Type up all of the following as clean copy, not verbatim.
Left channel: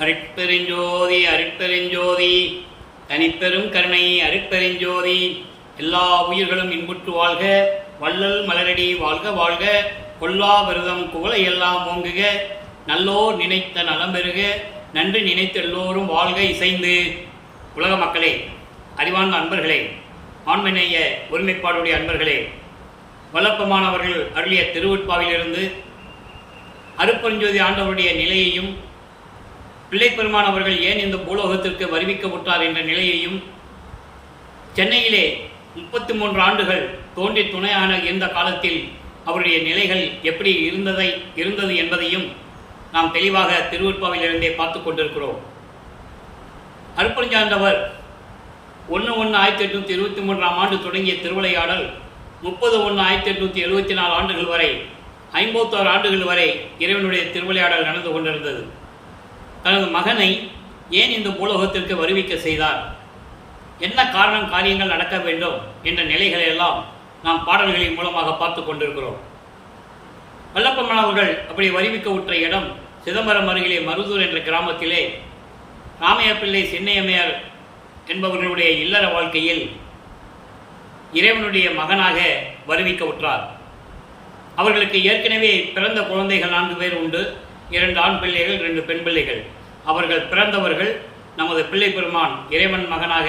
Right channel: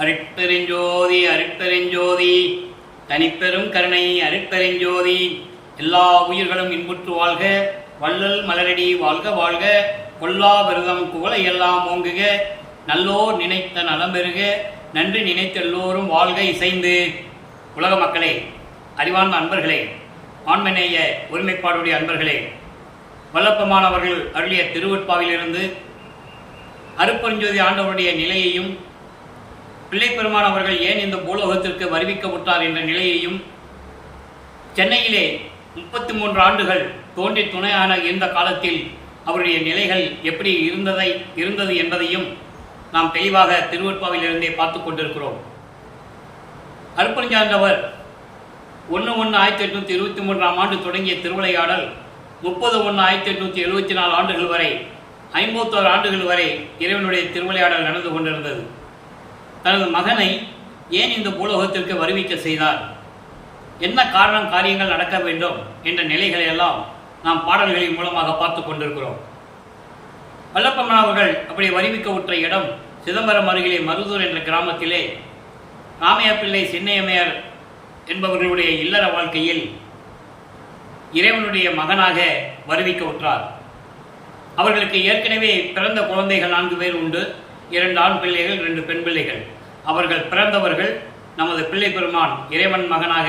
அருட்பெருஞ்சோதி அருட்பெருஞ்சோதி தனிப்பெரும் கருணை அருட்பெருஞ்சோதி. எல்லா உயிர்களும் இன்புற்று வாழ்க, வள்ளல் மலரடி வாழ்க வாழ்க, கொல்லா விரதம் குவளை எல்லாம் ஓங்குக, நல்லோர் நினைத்த நலம் பெறுக, நன்றி நினைத்த எல்லோரும் வாழ்க இசைந்து. உலக மக்களே, அறிவார்ந்த அன்பர்களே, ஆண்மநேய ஒருமைப்பாடுடைய அன்பர்களே, வல்லப்பமானவர்கள் அருளிய திருவெட்பாவிலிருந்து அருட்பெருஞ்சோதி ஆண்டவருடைய நிலையையும், பிள்ளைப்பெருமான் அவர்கள் ஏன் இந்த பூலோகத்திற்கு வருவிக்கப்பட்டார் என்ற நிலையையும், சென்னையிலே 33 ஆண்டுகள் தோன்றி துணையான இருந்த காலத்தில் அவருடைய நிலைகள் எப்படி இருந்தது என்பதையும் நாம் தெளிவாக திருவெட்பாவிலிருந்தே பார்த்து கொண்டிருக்கிறோம். அருட்பெருஞ்சாண்டவர் 1/1/1823 ஆண்டு தொடங்கிய திருவிளையாடல் 30/1/1874 ஆண்டுகள் வரை, 51 ஆண்டுகள் வரை இறைவனுடைய திருவிளையாடல் நடந்து கொண்டிருந்தது. தனது மகனை ஏன் இந்த பூலோகத்திற்கு வருவிக்க செய்தார், என்ன காரணம் காரியங்கள் நடக்க வேண்டும் என்ற நிலைகளை எல்லாம் நாம் பாடல்களின் மூலமாக பார்த்து கொண்டிருக்கிறோம். வல்லப்பமானவர்கள் அப்படி வருவிக்க உற்ற இடம் சிதம்பரம் அருகிலே மருதூர் என்ற கிராமத்திலே ராமையா பிள்ளை சின்னையம்மையார் என்பவர்களுடைய இல்லற வாழ்க்கையில் இறைவனுடைய மகனாக வருவிக்க உற்றார். அவர்களுக்கு ஏற்கனவே பிறந்த குழந்தைகள் 4 பேர் உண்டு. 2 ஆண் பிள்ளைகள், 2 பெண் பிள்ளைகள். அவர்கள் பிறந்தவர்கள் நமது பிள்ளை பெருமான் இறைவன் மகனாக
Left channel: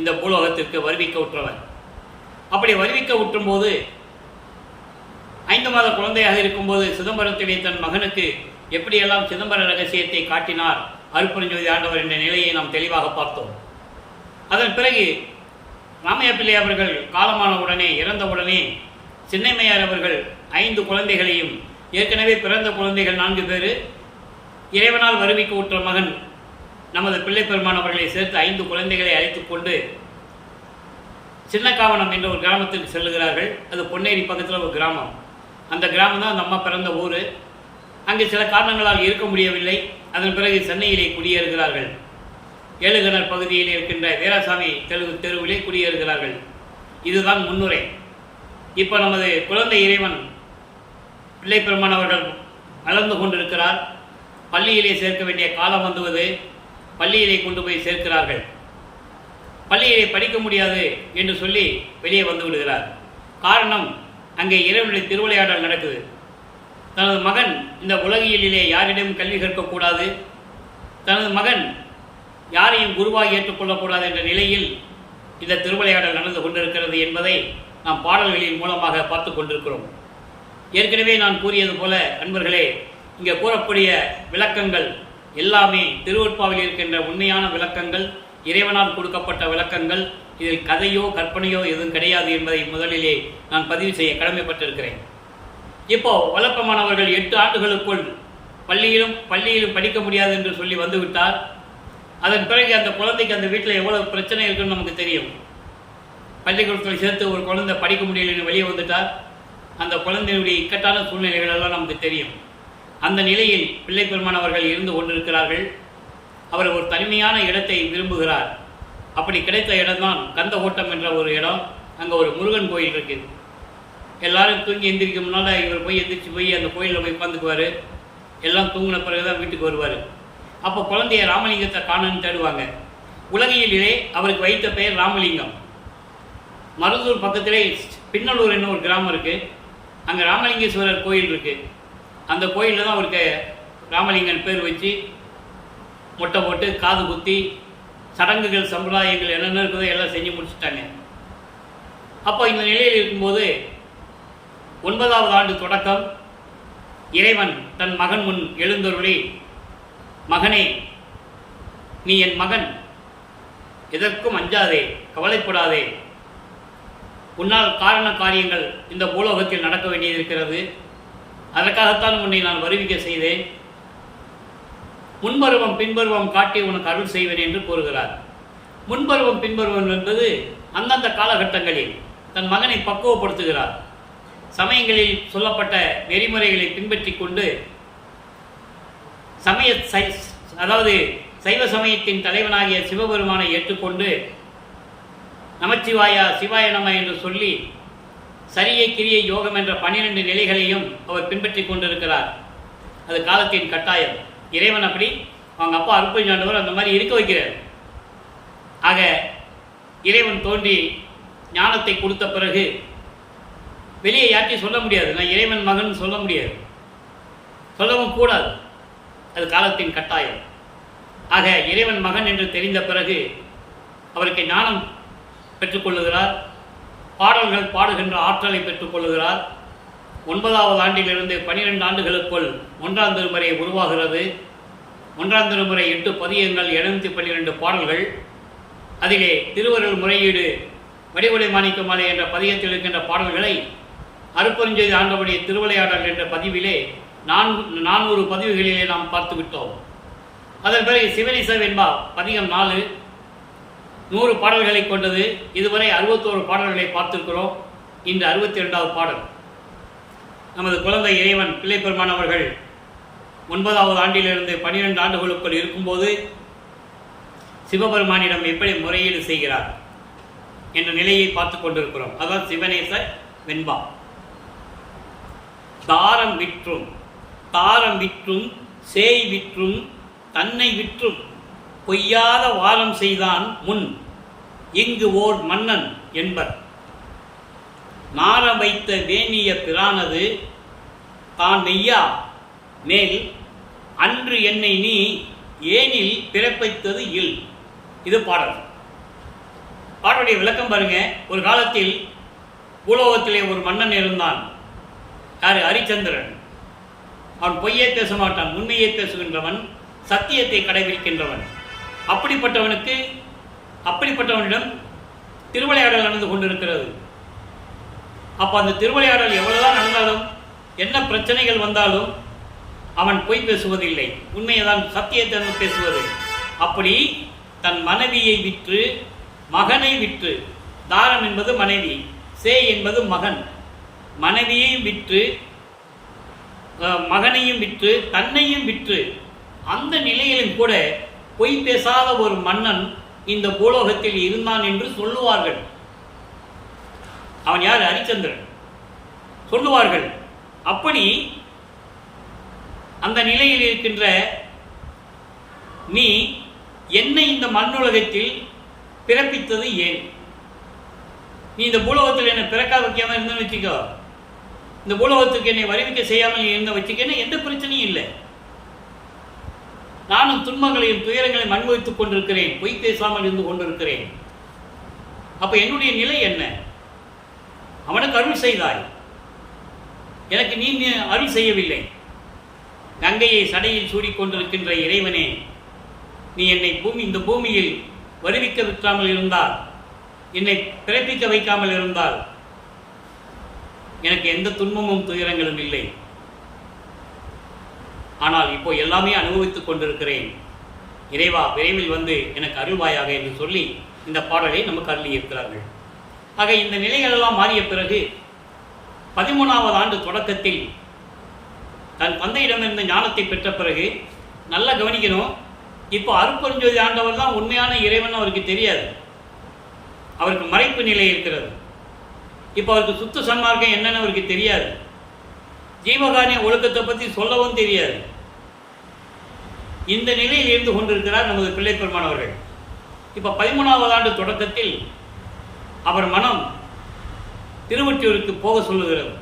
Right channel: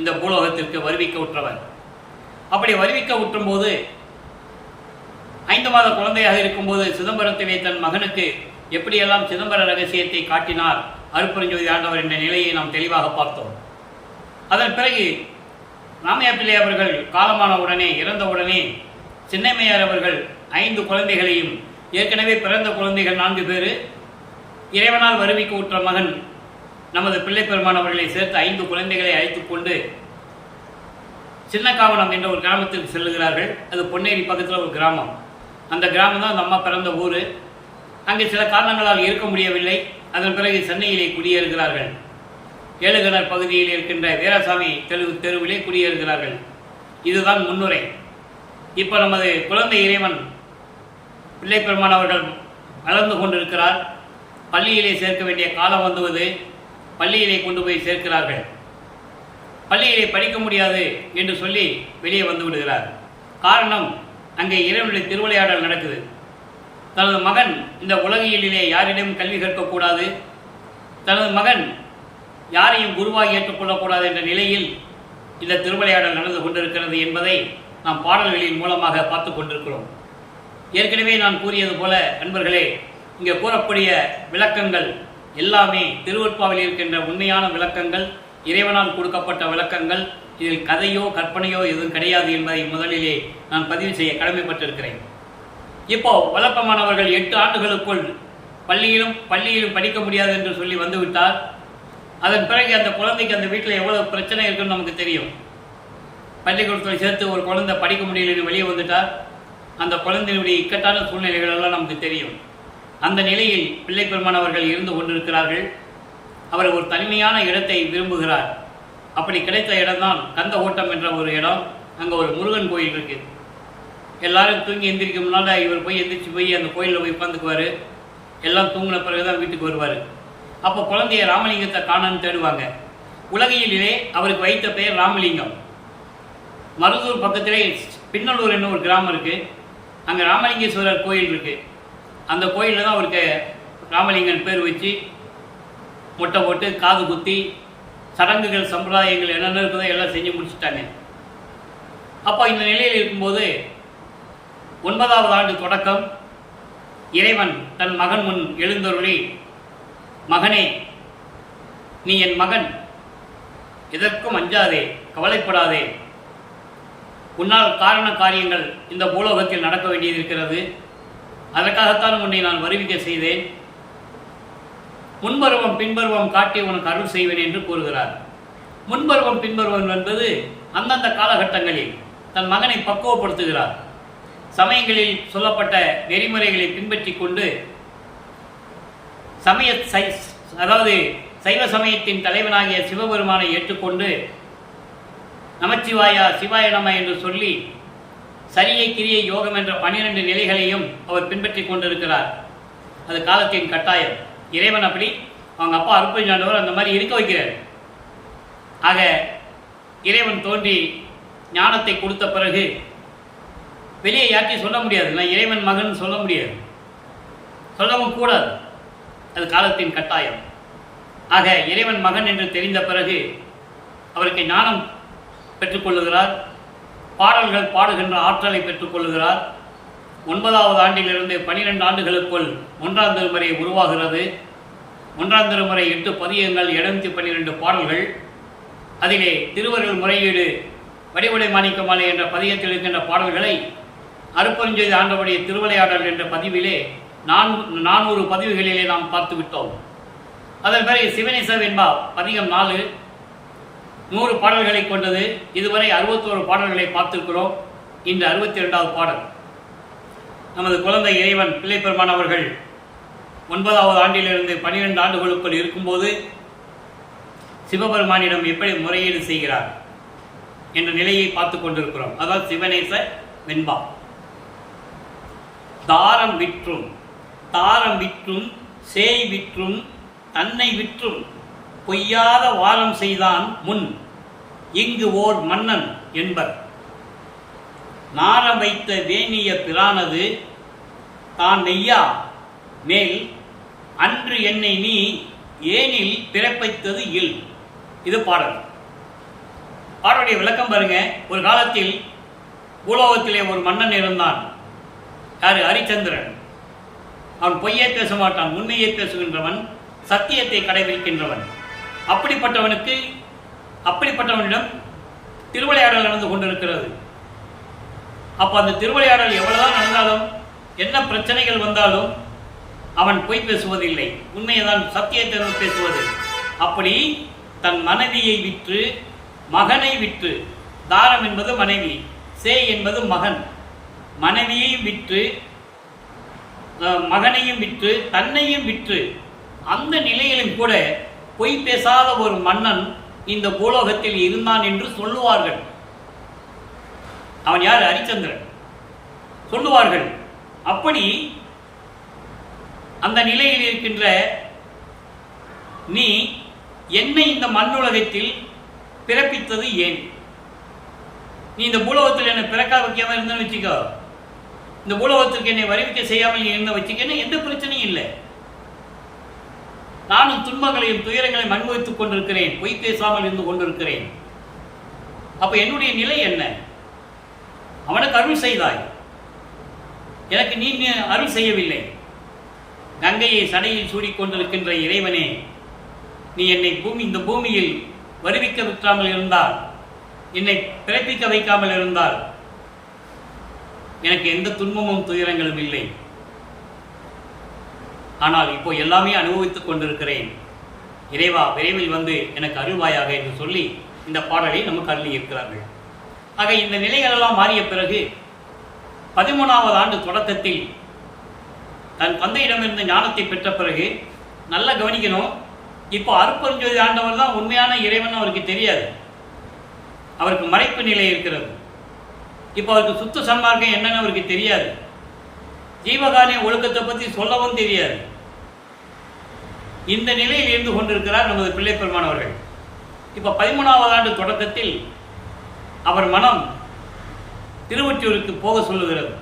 இந்த பூலோகத்திற்கு வருவிக்க உற்றவர். அப்படி வருவிக்க உற்றும் போது 5 மாத குழந்தையாக இருக்கும்போது சிதம்பரத்திலே தன் மகனுக்கு எப்படியெல்லாம் சிதம்பர ரகசியத்தை காட்டினார் அருட்பெருஞ்சோதி ஆண்டவர் என்ற நிலையை நாம் தெளிவாக பார்த்தோம். அதன் பிறகு ராமையா பிள்ளை அவர்கள் காலமான உடனே, இறந்தவுடனே சின்னையம்மையார் அவர்கள் 5 குழந்தைகளையும், ஏற்கனவே பிறந்த குழந்தைகள் 4 பேர், இறைவனால் வருவிக்க உற்ற மகன் நமது பிள்ளை பெருமான் அவர்களை சேர்த்து 5 குழந்தைகளை அழைத்து கொண்டு சின்னக்காவனம் என்ற ஒரு கிராமத்திற்கு செல்லுகிறார்கள். அது பொன்னேரி பக்கத்தில் ஒரு கிராமம். அந்த கிராமம் தான் அந்த அம்மா பிறந்த ஊர். அங்கே சில காரணங்களால் இருக்க முடியவில்லை. அதன் பிறகு சென்னையிலே குடியேறுகிறார்கள். ஏழுகணர் பகுதியில் இருக்கின்ற வீராசாமி தெருவிலே குடியேறுகிறார்கள். இதுதான் முன்னுரை. இப்போ நமது குழந்தை இறைவன் பிள்ளை பெருமான் அவர்கள் வளர்ந்து கொண்டிருக்கிறார். பள்ளியிலே சேர்க்க வேண்டிய காலம் வந்துவது. பள்ளியிலே கொண்டு போய் சேர்க்கிறார்கள். பள்ளியிலே படிக்க முடியாது என்று சொல்லி வெளியே வந்து விடுகிறார். காரணம், அங்கே இறைவனுடைய திருவிளையாடல் நடக்குது. தனது மகன் இந்த உலகியலிலே யாரிடம் கல்வி கற்கக்கூடாது, தனது மகன் யாரையும் குருவாக ஏற்றுக்கொள்ளக்கூடாது என்ற நிலையில் இந்த திருவிளையாடல் நடந்து கொண்டிருக்கிறது என்பதை நாம் பாடல்களின் மூலமாக பார்த்து கொண்டிருக்கிறோம். ஏற்கனவே நான் கூறியது போல அன்பர்களே, இங்கே கூறக்கூடிய விளக்கங்கள் எல்லாமே திருவெட்பாவில் இருக்கின்ற உண்மையான விளக்கங்கள், இறைவனால் கொடுக்கப்பட்ட விளக்கங்கள். இதில் கதையோ கற்பனையோ எதுவும் கிடையாது என்பதை முதலிலே நான் பதிவு செய்ய கடமைப்பட்டிருக்கிறேன். இப்போ வல்லப்பமானவர்கள் 8 ஆண்டுகளுக்குள் பள்ளியிலும் படிக்க முடியாது என்று சொல்லி வந்துவிட்டால், அதன் பிறகு அந்த குழந்தைக்கு அந்த வீட்டில் எவ்வளவு பிரச்சனை இருக்குன்னு நமக்கு தெரியும். பள்ளிக்கூடத்தில் சேர்த்து ஒரு குழந்தை படிக்க முடியலன்னு வெளியே வந்துட்டால் அந்த குழந்தையுடைய இக்கட்டான சூழ்நிலைகள் எல்லாம் நமக்கு தெரியும். அந்த நிலையில் பிள்ளை பெருமான் அவர்கள் இருந்து கொண்டிருக்கிறார்கள். அவர் ஒரு தனிமையான இடத்தை விரும்புகிறார். அப்படி கிடைத்த இடம்தான் கந்த ஓட்டம் என்ற ஒரு இடம். அங்கே ஒரு முருகன் கோயில் இருக்குது. எல்லாரும் தூங்கி எந்திரிக்க முன்னால் இவர் போய் எந்திரிச்சு போய் அந்த கோயிலில் போய் உட்காந்துக்குவார். எல்லாம் தூங்கின பிறகு தான் வீட்டுக்கு வருவார். அப்போ குழந்தைய ராமலிங்கத்தை காணன்னு தேடுவாங்க. உலகியலிலே அவருக்கு வைத்த பெயர் ராமலிங்கம். மருதூர் பக்கத்திலே பின்னலூர் என்ன ஒரு கிராமம் இருக்குது. அங்கே ராமலிங்கேஸ்வரர் கோயில் இருக்குது. அந்த கோயிலில் தான் அவருக்கு ராமலிங்கன் பேர் வச்சு மொட்டை போட்டு காது குத்தி சடங்குகள் சம்பிரதாயங்கள் என்னென்ன இருக்குதோ எல்லாம் செஞ்சு முடிச்சுட்டாங்க. அப்போ இந்த நிலையில் இருக்கும்போது 9வது ஆண்டு தொடக்கம் இறைவன் தன் மகன் முன் எழுந்தருளி, மகனே, நீ என் மகன், எதற்கும் அஞ்சாதே, கவலைப்படாதே. உன்னால் காரண காரியங்கள் இந்த பூலோகத்தில் நடக்க வேண்டியது இருக்கிறது. அதற்காகத்தான் உன்னை நான் வருவிக்க செய்தேன். முன்பருவம் பின்பருவம் காட்டி உனக்கு அருள் செய்வேன் என்று கூறுகிறார். முன்பருவம் பின்பருவம் என்பது அந்தந்த காலகட்டங்களில் தன் மகனை பக்குவப்படுத்துகிறார். சமயங்களில் சொல்லப்பட்ட நெறிமுறைகளை பின்பற்றி கொண்டு அதாவது சைவ சமயத்தின் தலைவனாகிய சிவபெருமானை ஏற்றுக்கொண்டு நமச்சிவாயா சிவாய நம என்று சொல்லி சரியை கிரியை யோகம் என்ற 12 நிலைகளையும் அவர் பின்பற்றி கொண்டிருக்கிறார். அது காலத்தின் கட்டாயம். இறைவன் அப்படி அவங்க அப்பா அருட்பெருஞ்சாண்டவர் அந்த மாதிரி இருக்க வைக்கிறார். ஆக இறைவன் தோன்றி ஞானத்தை கொடுத்த பிறகு வெளியே யார்ட்டையும் சொல்ல முடியாது, நான் இறைவன் மகன் சொல்ல முடியாது, சொல்லவும் கூடாது, அது காலத்தின் கட்டாயம். ஆக இறைவன் மகன் என்று தெரிந்த பிறகு அவருக்கு ஞானம் பெற்றுக்கொள்ளுகிறார், பாடல்கள் பாடுகின்ற ஆற்றலை பெற்றுக்கொள்ளுகிறார். 9வது ஆண்டிலிருந்து 12 ஆண்டுகளுக்குள் 1ஆம் திருமுறை உருவாகிறது. 1ஆம் திருமுறை 8 பதியங்கள், 712 பாடல்கள். அதிலே திருவருள் முறையீடு வடிவுடை மாணிக்கமாலை என்ற பதியத்தில் இருக்கின்ற பாடல்களை அருட்பெருஞ்சோதி ஆண்டவருடைய திருவிளையாடல் என்ற பதிவிலே 400 பதிவுகளிலே நாம் பார்த்து விட்டோம். அதன் பிறகு சிவனேச வெண்பா பதிகம் 4 100 பாடல்களை கொண்டது. இதுவரை 61 பாடல்களை பார்த்திருக்கிறோம். இன்று 62வது பாடல். நமது குழந்தை இறைவன் பிள்ளைப்பெருமான் அவர்கள் 9வது ஆண்டிலிருந்து 12 ஆண்டுகளுக்குள் இருக்கும்போது சிவபெருமானிடம் எப்படி முறையீடு செய்கிறார் என்ற நிலையை பார்த்து கொண்டிருக்கிறோம். அதாவது சிவனேச வெண்பா. தாரம் விற்றும் சேய் விற்றும் தன்னை விற்றும் பொய்யாத வாரம் செய்தான் முன் இங்கு ஓர் மன்னன் என்பர். நாரம் வைத்த வேணிய பிரானது தான் மெய்யா மேல் அன்று என்னை நீ ஏனில் பிறப்பித்தது இல். இது பாடல். பாடலுடைய விளக்கம் பாருங்க. ஒரு காலத்தில் பூலோகத்திலே ஒரு மன்னன் இருந்தான். யாரு? ஹரிச்சந்திரன். அவன் பொய்யே பேச மாட்டான், உண்மையை பேசுகின்றவன், சத்தியத்தை கடைபிடிக்கின்றவன். அப்படிப்பட்டவனிடம் திருவிளையாடல் நடந்து கொண்டிருக்கிறது. அப்போ அந்த திருவிளையாடல் எவ்வளவுதான் நடந்தாலும், என்ன பிரச்சனைகள் வந்தாலும் அவன் பொய் பேசுவதில்லை, உண்மையை தான், சத்தியத்தை தான் பேசுவது. அப்படி தன் மனைவியை விற்று மகனை விற்று, தாரம் என்பது மனைவி, சே என்பது மகன், மனைவியையும் விற்று மகனையும் விற்று தன்னையும் விற்று, அந்த நிலையிலும் கூட பொய் பேசாத ஒரு மன்னன் இந்த பூலோகத்தில் இருந்தான் என்று சொல்லுவார்கள். அவன் யார்? ஹரிச்சந்திரன் சொல்லுவார்கள். அப்படி அந்த நிலையில் இருக்கின்ற நீ என்னை இந்த மண்ணுலகத்தில் பிறப்பித்தது ஏன்? நீ இந்த பூலோகத்தில் என்னை பிறக்க வைக்காமல் இருந்தேன்னு வச்சுக்கோ, இந்த பூலோகத்துக்கு என்னை வருவிக்க செய்யாமல் இருந்த வச்சுக்கன்னு எந்த பிரச்சனையும் இல்லை. நானும் துன்பங்களையும் துயரங்களையும் அனுபவித்துக் கொண்டிருக்கிறேன், பொய் பேசாமல் இருந்து கொண்டிருக்கிறேன். அப்போ என்னுடைய நிலை என்ன? அவனுக்கு அருள் செய்தாய், எனக்கு நீ அருள் செய்யவில்லை. கங்கையை சடையில் சூடிக்கொண்டிருக்கின்ற இறைவனே, நீ என்னை இந்த பூமியில் வருவிக்க விட்டாமல் இருந்தால், என்னை பிறப்பிக்க வைக்காமல் இருந்தால் எனக்கு எந்த துன்பமும் துயரங்களும் இல்லை. ஆனால் இப்போ எல்லாமே அனுபவித்துக் கொண்டிருக்கிறேன். இறைவா, விரைவில் வந்து எனக்கு அருள்வாயாக என்று சொல்லி இந்த பாடலை நமக்கு அருளி இருக்கிறார்கள். ஆக இந்த நிலைகளெல்லாம் மாறிய பிறகு 13வது ஆண்டு தொடக்கத்தில் தன் தந்தையிடமிருந்து ஞானத்தை பெற்ற பிறகு நல்லா கவனிக்கணும். இப்போ அருட்பெருஞ்சோதி ஆண்டவர் தான் உண்மையான இறைவன் அவருக்கு தெரியாது, அவருக்கு மறைப்பு நிலை இருக்கிறது. இப்போ அவருக்கு சுத்த சன்மார்க்கம் என்னன்னு அவருக்கு தெரியாது, ஜீவகாரிய ஒழுக்கத்தை பற்றி சொல்லவும் தெரியாது. இந்த நிலையில் இருந்து கொண்டிருக்கிறார் நமது பிள்ளைப்பெருமான் அவர்கள். இப்போ 13வது ஆண்டு தொடக்கத்தில் அவர் மனம் திருவொற்றியூருக்கு போக சொல்லுகிறது.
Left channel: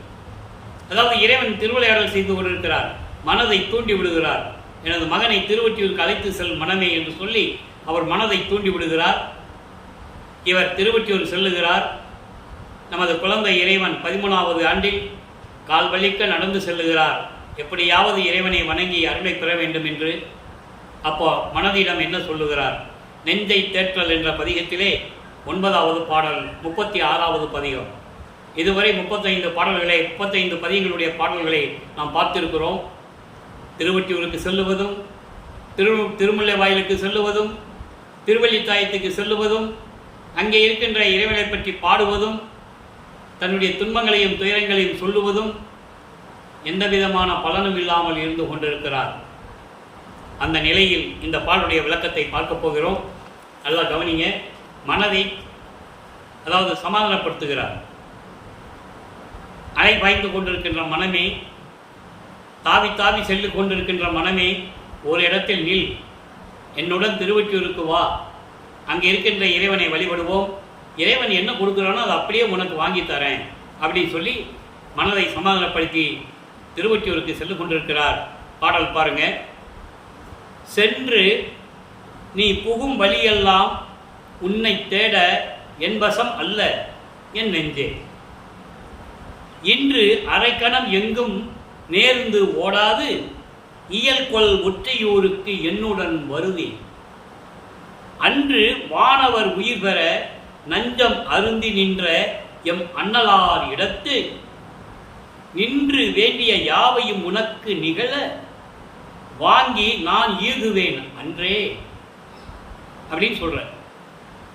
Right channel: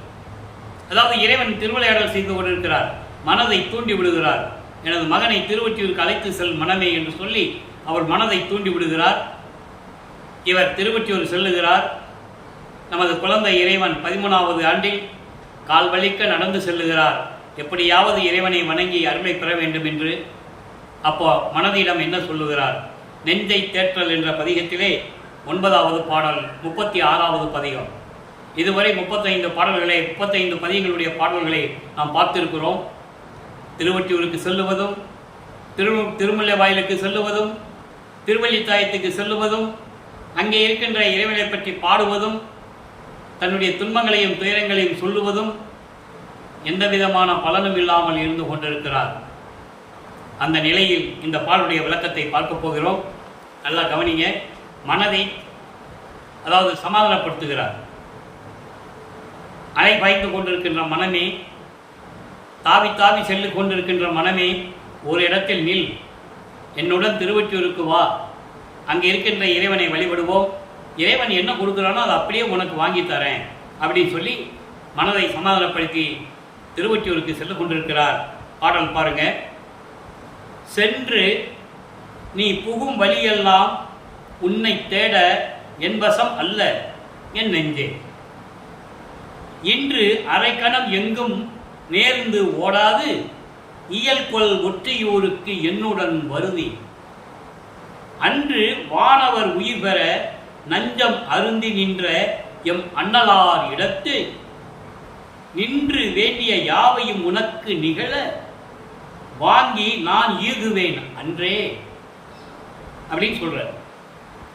அதாவது இறைவன் திருவிளையாடல் செய்து கொண்டிருக்கிறார், மனதை தூண்டி விடுகிறார். எனது மகனை திருவொற்றியூருக்கு அழைத்து செல் மனமே என்று சொல்லி அவர் மனதை தூண்டி விடுகிறார். இவர் திருவொற்றியூர் செல்லுகிறார். நமது குழந்தை இறைவன் 13வது ஆண்டில் கால் வலிக்க நடந்து செல்லுகிறார், எப்படியாவது இறைவனை வணங்கி அருளை பெற வேண்டும் என்று. அப்போ மனதிடம் என்ன சொல்லுகிறார்? நெஞ்சை தேற்றல் என்ற பதிகத்திலே 9வது பாடல் 36வது பதிகம். இதுவரை 35 பதிகங்களுடைய பாடல்களை நாம் பார்த்திருக்கிறோம். திருவொற்றியூருக்கு செல்லுவதும், திருமுல்லை வாயிலுக்கு செல்லுவதும், திருவல்லித்தாயத்துக்கு செல்லுவதும், அங்கே இருக்கின்ற இறைவனை பற்றி பாடுவதும், தன்னுடைய துன்பங்களையும் துயரங்களையும் சொல்லுவதும், எந்த விதமான பலனும் இல்லாமல் இருந்து கொண்டிருக்கிறார். அந்த நிலையில் இந்த பாடலுடைய விளக்கத்தை பார்க்க போகிறோம். நல்லா கவனிங்க. மனதை அதாவது சமாதானப்படுத்துகிறார். அலை பாய்ந்து கொண்டிருக்கின்ற மனமே, தாவி தாவி செல்லு கொண்டிருக்கின்ற மனமே, ஒரு இடத்தில் நில், என்னுடன் திருவொற்றியூருக்கு வா, அங்கே இருக்கின்ற இறைவனை வழிபடுவோம், இறைவன் என்ன கொடுக்குறானோ அதை அப்படியே உனக்கு வாங்கி தரேன் அப்படின்னு சொல்லி மனதை சமாதானப்படுத்தி திருவொற்றியூருக்கு சென்று கொண்டிருக்கிறார். பாடல் பாருங்க. சென்று நீ புகும் வழியெல்லாம் உன்னை தேட என் வசம் அல்ல என் நெஞ்சே, இன்று அரைக்கணம் எங்கும் நேர்ந்து ஓடாது இயல்கொள் ஒற்றியூருக்கு என்னுடன் வருதி, அன்று வானவர் உயிர் பெற நஞ்சம் அருந்தி நின்ற எம் அண்ணலார் இடத்து நின்று வேண்டிய யாவையும் உனக்கு நிகழ வாங்கி நான் ஈகுவேன் அன்றே அப்படின்னு சொல்ற.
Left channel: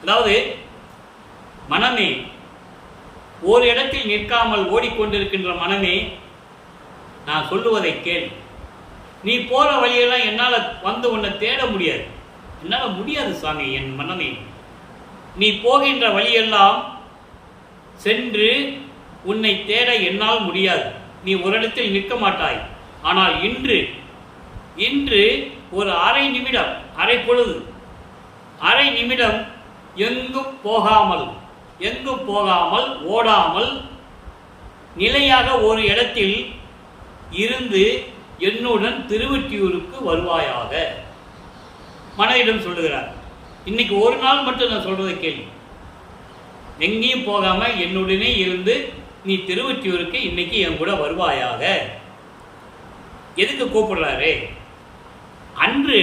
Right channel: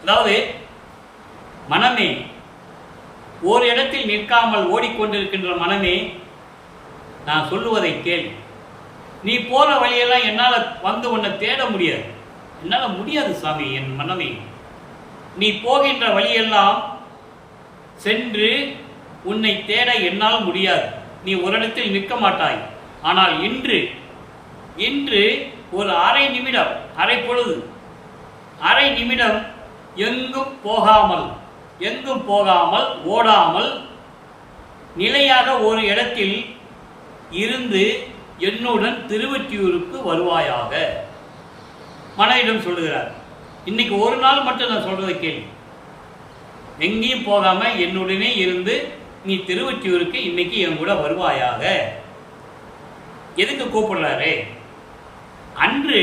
அதாவது மனமே, ஒரு இடத்தில் நிற்காமல் ஓடிக்கொண்டிருக்கின்ற மனமே, நான் சொல்லுவதை கேள். நீ போற வழியெல்லாம் என்னால் வந்து உன்னை தேட முடியாது, என்னால் முடியாது சாமி. என் மனமே, நீ போகின்ற வழியெல்லாம் சென்று உன்னை தேட என்னால் முடியாது. நீ ஒரு இடத்தில் நிற்க மாட்டாய். ஆனால் இன்று ஒரு அரை நிமிடம், அரை பொழுது, அரை நிமிடம் எங்கும் போகாமல் ஓடாமல் நிலையாக ஒரு இடத்தில் இருந்து என்னுடன் திருவொற்றியூருக்கு வருவாயாக மனதிடம் சொல்லுகிறார். இன்னைக்கு ஒரு நாள் மட்டும் நான் சொல்றதை கேள்வி, எங்கேயும் போகாம என்னுடனே இருந்து நீ திருவொற்றியூருக்கு இன்னைக்கு என் கூட வருவாயாக. எதுக்கு கூப்பிடுறாரு? அன்று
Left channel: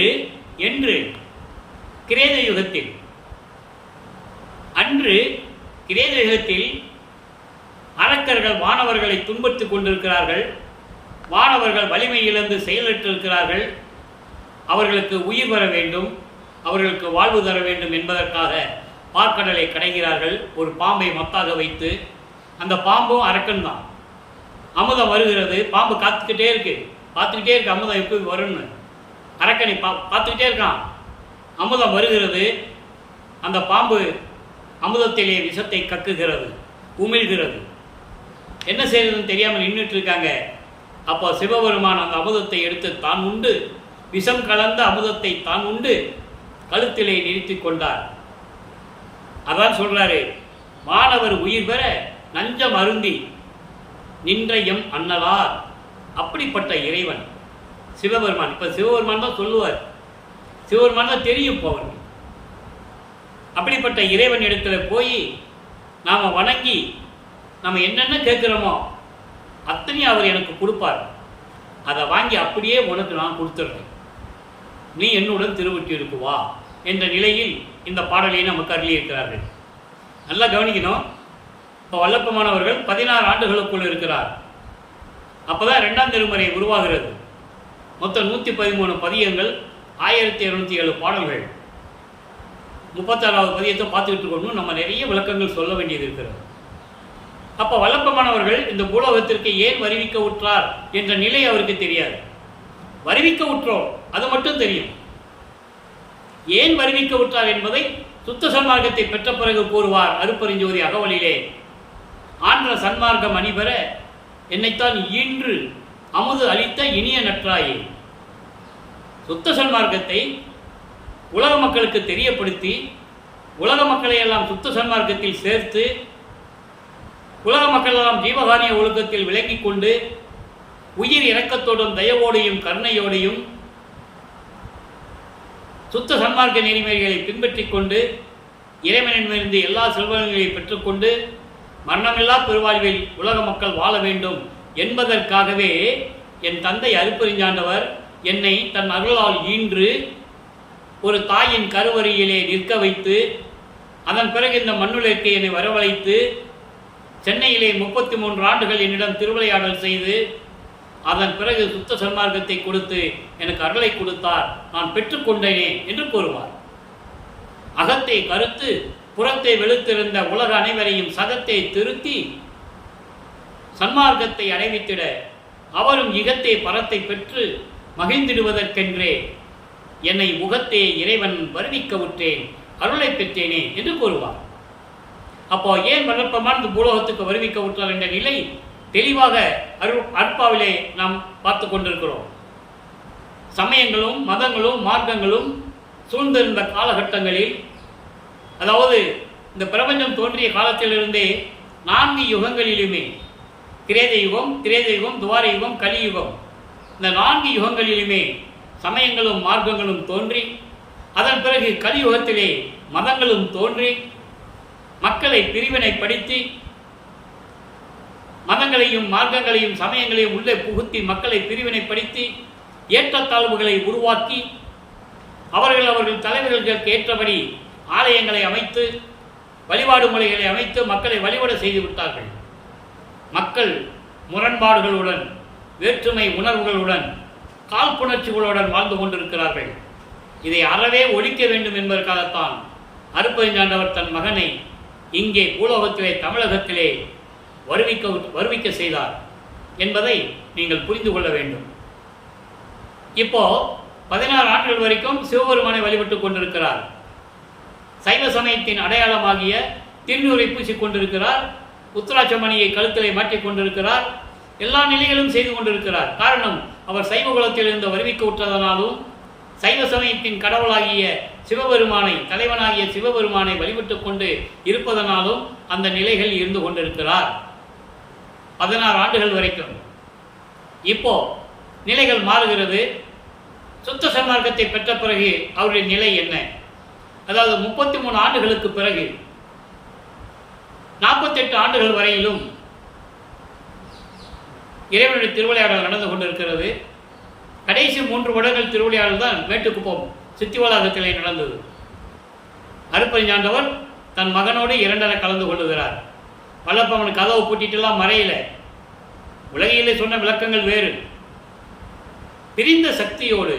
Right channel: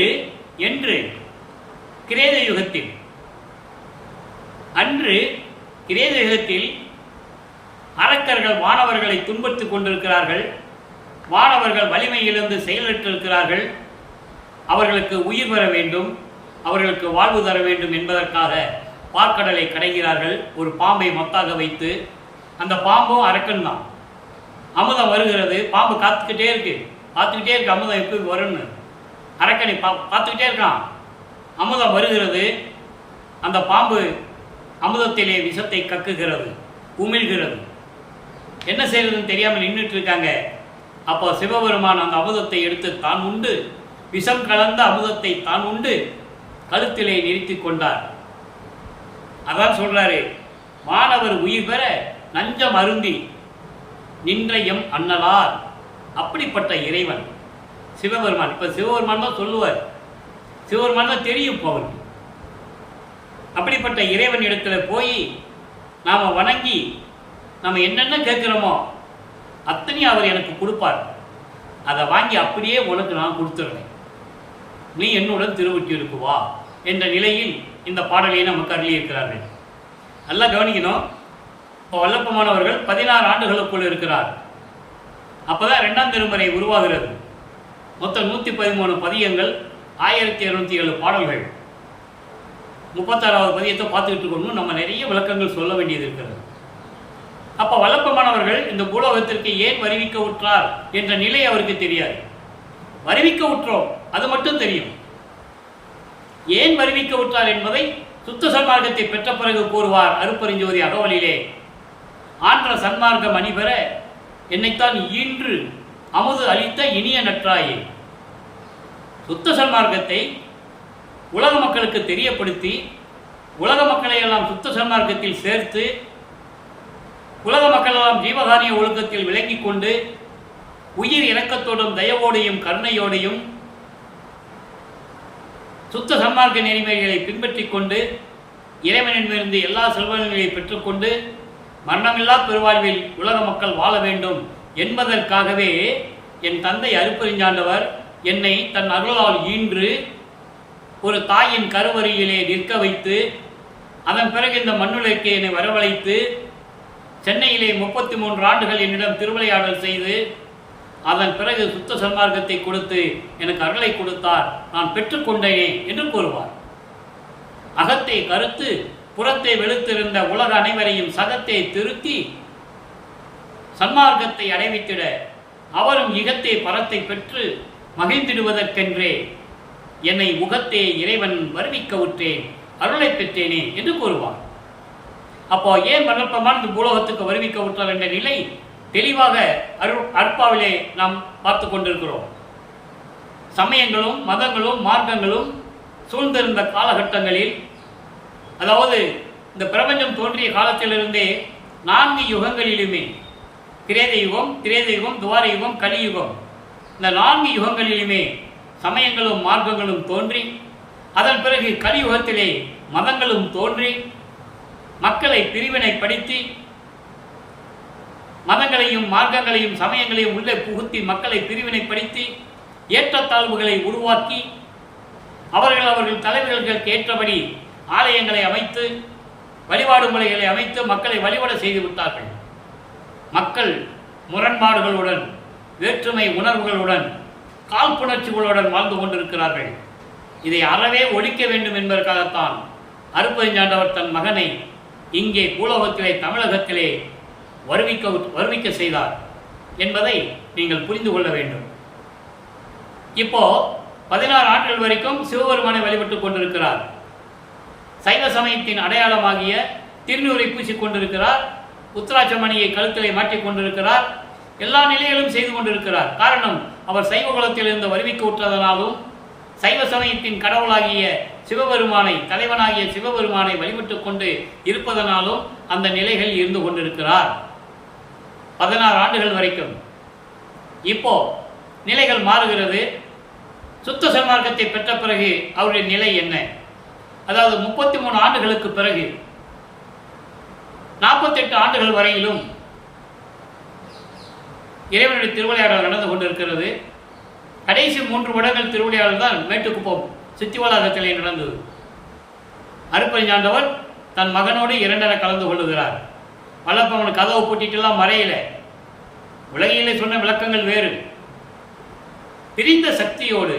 என்று கிரேத யுகத்தில், அன்று கிரேத யுகத்தில் அரக்கர்கள் வானவர்களை துன்புறுத்திக் கொண்டிருக்கிறார்கள். வானவர்கள் வலிமை இழந்து செயலற்றிருக்கிறார்கள். அவர்களுக்கு உயிர் வர வேண்டும், அவர்களுக்கு வாழ்வு தர வேண்டும் என்பதற்காக பார்க்கடலை கடைகிறார்கள். ஒரு பாம்பை மத்தாக வைத்து, அந்த பாம்பும் அரக்கன் தான். அமுதம் வருகிறது, பாம்பு பார்த்துக்கிட்டே இருக்கு அமுதம் எப்படி வரும்னு. அரக்கனை பார்த்துக்கிட்டே இருக்கான். அமுதம் வருகிறது, அந்த பாம்பு அமுதத்திலே விஷத்தை கக்குகிறது, உமிழ்கிறது. என்ன செய்யறதுன்னு தெரியாமல் நின்றுட்டு இருக்காங்க. அப்போ சிவபெருமான் அந்த அமுதத்தை எடுத்து தான் உண்டு, விஷம் கலந்த அமுதத்தை தான் உண்டு கழுத்திலே நிறுத்தி கொண்டார். அதான் சொல்றாரு, மாணவர் உயிர் பெற நஞ்சம் அருந்தி நின்ற எம் அண்ணலார். அப்படிப்பட்ட இறைவன் சிவபெருமான். இப்ப சிவபெருமான் தான் சொல்லுவார், சிவபெருமான் தான் தெரியும் அவருக்கு. அப்படிப்பட்ட இறைவன் இடத்துல போய் நாம் வணங்கி நம்ம என்னென்ன கேட்குறோமோ அத்தனையும் அவர் எனக்கு கொடுப்பார். அதை வாங்கி அப்படியே உனக்கு நான் கொடுத்துட்றேன், நீ என்னுடன் திருவொற்றியூருக்கு வா என்ற நிலையில் இந்த பாடலையை நமக்கு அருளியிருக்கிறார்கள். நல்லா கவனிக்கணும். இப்போ வல்லப்பமானவர்கள் 16 ஆண்டுகளுக்குள் இருக்கிறார். அப்போ தான் 2ஆம் திருமுறை உருவாகிறது. மொத்தம் 113 பதியங்கள், 1207 பாடல்கள். 36வது பதியத்தை பார்த்துக்கிட்டு இருக்கணும். நம்ம நிறைய விளக்கங்கள் சொல்ல வேண்டியது இருக்கிறது. அப்போ வல்லப்பமானவர்கள் இந்த பூலோகத்திற்கு ஏன் வருவிக்க உற்றார் என்ற நிலை அவருக்கு தெரியாது. வருவிக்க உற்றோம் அது மட்டும் தெரியும். ஏன் வருவிக்க உற்றார் என்பதை சுத்த சன்மார்க்கத்தை பெற்ற பிறகு கூறுவார் அருப்பெருஞ்சோதி அகவலிலே. ஆன்ற சன்மார்க்கம் அணிபெற என்னைத்தான் ஈன்று அமுது அளித்த இனிய நற்றாயே. சுத்த சன்மார்க்கத்தை உலக மக்களுக்கு தெரியப்படுத்தி, உலக மக்களை எல்லாம் சுத்த சன்மார்க்கத்தில் சேர்த்து, உலக மக்கள் எல்லாம் ஜீவகாரிய ஒழுக்கத்தில் விளங்கி கொண்டு, உயிர் இரக்கத்தோடும் தயவோடையும் கருணையோடையும் சுத்த சன்மார்க்க நெறிமுறைகளை பின்பற்றி கொண்டு இறைவனிடமிருந்து எல்லா செல்வங்களையும் பெற்றுக்கொண்டு மரணமில்லா பெருவாழ்வில் உலக மக்கள் வாழ வேண்டும் என்பதற்காகவே என் தந்தை அருப்பெருஞ்சாண்டவர் என்னை தன் அருளால் ஈன்று ஒரு தாயின் கருவறையிலே நிற்க வைத்து, அதன் பிறகு இந்த மண்ணுலகிற்கு என்னை வரவழைத்து, சென்னையிலே 33 ஆண்டுகள் என்னிடம் திருவிளையாடல் செய்து, அதன் பிறகு சுத்த சன்மார்க்கத்தை கொடுத்து எனக்கு அருளை கொடுத்தார், நான் பெற்றுக்கொண்டேனே என்று கூறுவார். அகத்தை கருத்து புறத்தை வெளுத்திருந்த உலக அனைவரையும் சகத்தை திருத்தி சன்மார்க்கத்தை அடைவித்திட அவரும் இகத்தே பரத்தை பெற்று மகிழ்ந்திடுவதற்கென்றே என்னை உகத்தே இறைவன் வருவிக்க உற்றேன், அருளை பெற்றேனே என்று கூறுவார். அப்போ ஏன் வல்லப்பமான் இந்த பூலோகத்துக்கு வருவிக்க உற்றார் என்ற நிலை தெளிவாக அற்பாவிலே நாம் பார்த்து கொண்டிருக்கிறோம். சமயங்களும் மதங்களும் மார்க்கங்களும் சூழ்ந்திருந்த காலகட்டங்களில், அதாவது இந்த பிரபஞ்சம் தோன்றிய காலத்திலிருந்தே 4 யுகங்களிலுமே, கிரேத யுகம், திரேத யுகம், துவார யுகம், கலியுகம், இந்த 4 யுகங்களிலுமே சமயங்களும் மார்க்கங்களும் தோன்றி, அதன் பிறகு கலியுகத்திலே மதங்களும் தோன்றி மக்களை பிரிவினைப்படுத்தி, மதங்களையும் மார்க்கங்களையும் சமயங்களையும் உள்ளே புகுத்தி மக்களை பிரிவினைப்படுத்தி ஏற்றத்தாழ்வுகளை உருவாக்கி அவர்கள் தலைவர்களுக்கு ஏற்றபடி ஆலயங்களை அமைத்து வழிபாடு முறைகளை அமைத்து மக்களை வழிபட செய்து விட்டார்கள். மக்கள் முரண்பாடுகளுடன், வேற்றுமை உணர்வுகளுடன், காழ்ப்புணர்ச்சிகளுடன் வாழ்ந்து கொண்டிருக்கிறார்கள். இதை அறவே ஒழிக்க வேண்டும் என்பதற்காகத்தான் அருட்பெருஞ்சாண்டவர் தன் மகனை இங்கே பூலோகத்திலே, தமிழகத்திலே வருவிக்க செய்தார் என்பதை நீங்கள் புரிந்து கொள்ள வேண்டும். இப்போ 16 ஆண்டுகள் வரைக்கும் சிவபெருமானை வழிபட்டுக் கொண்டிருக்கிறார். சைவ சமயத்தின் அடையாளமாகிய திருநூரை பூசிக் கொண்டிருக்கிறார். உத்திராட்சமணியை கழுத்திலே மாற்றிக் கொண்டிருக்கிறார். எல்லா நிலைகளும் செய்து கொண்டிருக்கிறார். காரணம், அவர் சைவ குலத்திலிருந்து வருவிக்க விட்டதனாலும், சைவ சமயத்தின் கடவுளாகிய சிவபெருமானை, தலைவனாகிய சிவபெருமானை வழிபட்டுக் கொண்டு இருப்பதனாலும் அந்த நிலைகள் இருந்து கொண்டிருக்கிறார் 16 ஆண்டுகள் வரைக்கும். இப்போ நிலைகள் மாறுகிறது. சுத்த சன்மார்க்கத்தை பெற்ற பிறகு அவருடைய நிலை என்ன? அதாவது 33 ஆண்டுகளுக்கு பிறகு 48 ஆண்டுகள் வரையிலும் இறைவனுடைய திருவிளையாடல் நடந்து கொண்டிருக்கிறது. கடைசி 3 வருடங்கள் திருவிளையாடல் தான் மேட்டுக்குப்பம் சித்திவளாகத்திலே நடந்தது. அருட்பெருஞ்சாண்டவர் தன் மகனோடு 2 கலந்து கொள்ளுகிறார். வல்லப்பவன் கதவை பூட்டிட்டுலாம் மறையில. உலகிலே சொன்ன விளக்கங்கள் வேறு. பிரிந்த சக்தியோடு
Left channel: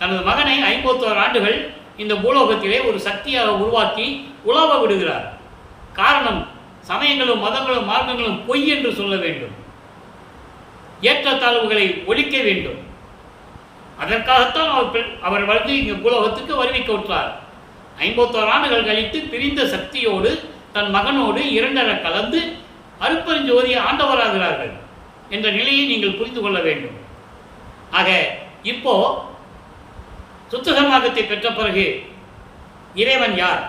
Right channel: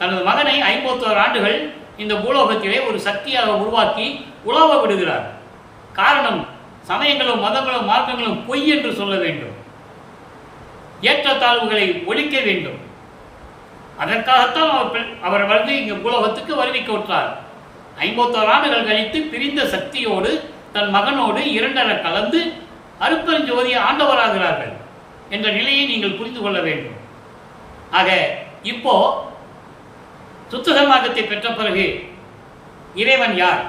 தனது மகனை 51 ஆண்டுகள் இந்த பூலோகத்திலே ஒரு சக்தியாக உருவாக்கி உலாவ விடுகிறார். காரணம், சமயங்களும் மதங்களும் மார்க்கங்களும் பொய் என்று சொல்ல வேண்டும். ஏற்றத்தாழ்வுகளை ஒழிக்க வேண்டும். அதற்காகத்தான் அவர் வந்து இங்கே பூலோகத்துக்கு வருவிக்க விட்டார். 51 ஆண்டுகள் கழித்து பிரிந்த சக்தியோடு தன் மகனோடு 2 கலந்து அருட்பெருஞ்சோதி ஆண்டவராகிறார்கள் என்ற நிலையை நீங்கள் புரிந்து கொள்ள வேண்டும். ஆக இப்போ சுத்த சன்மார்க்கத்தை பெற்ற பிறகு இறைவன் யார்?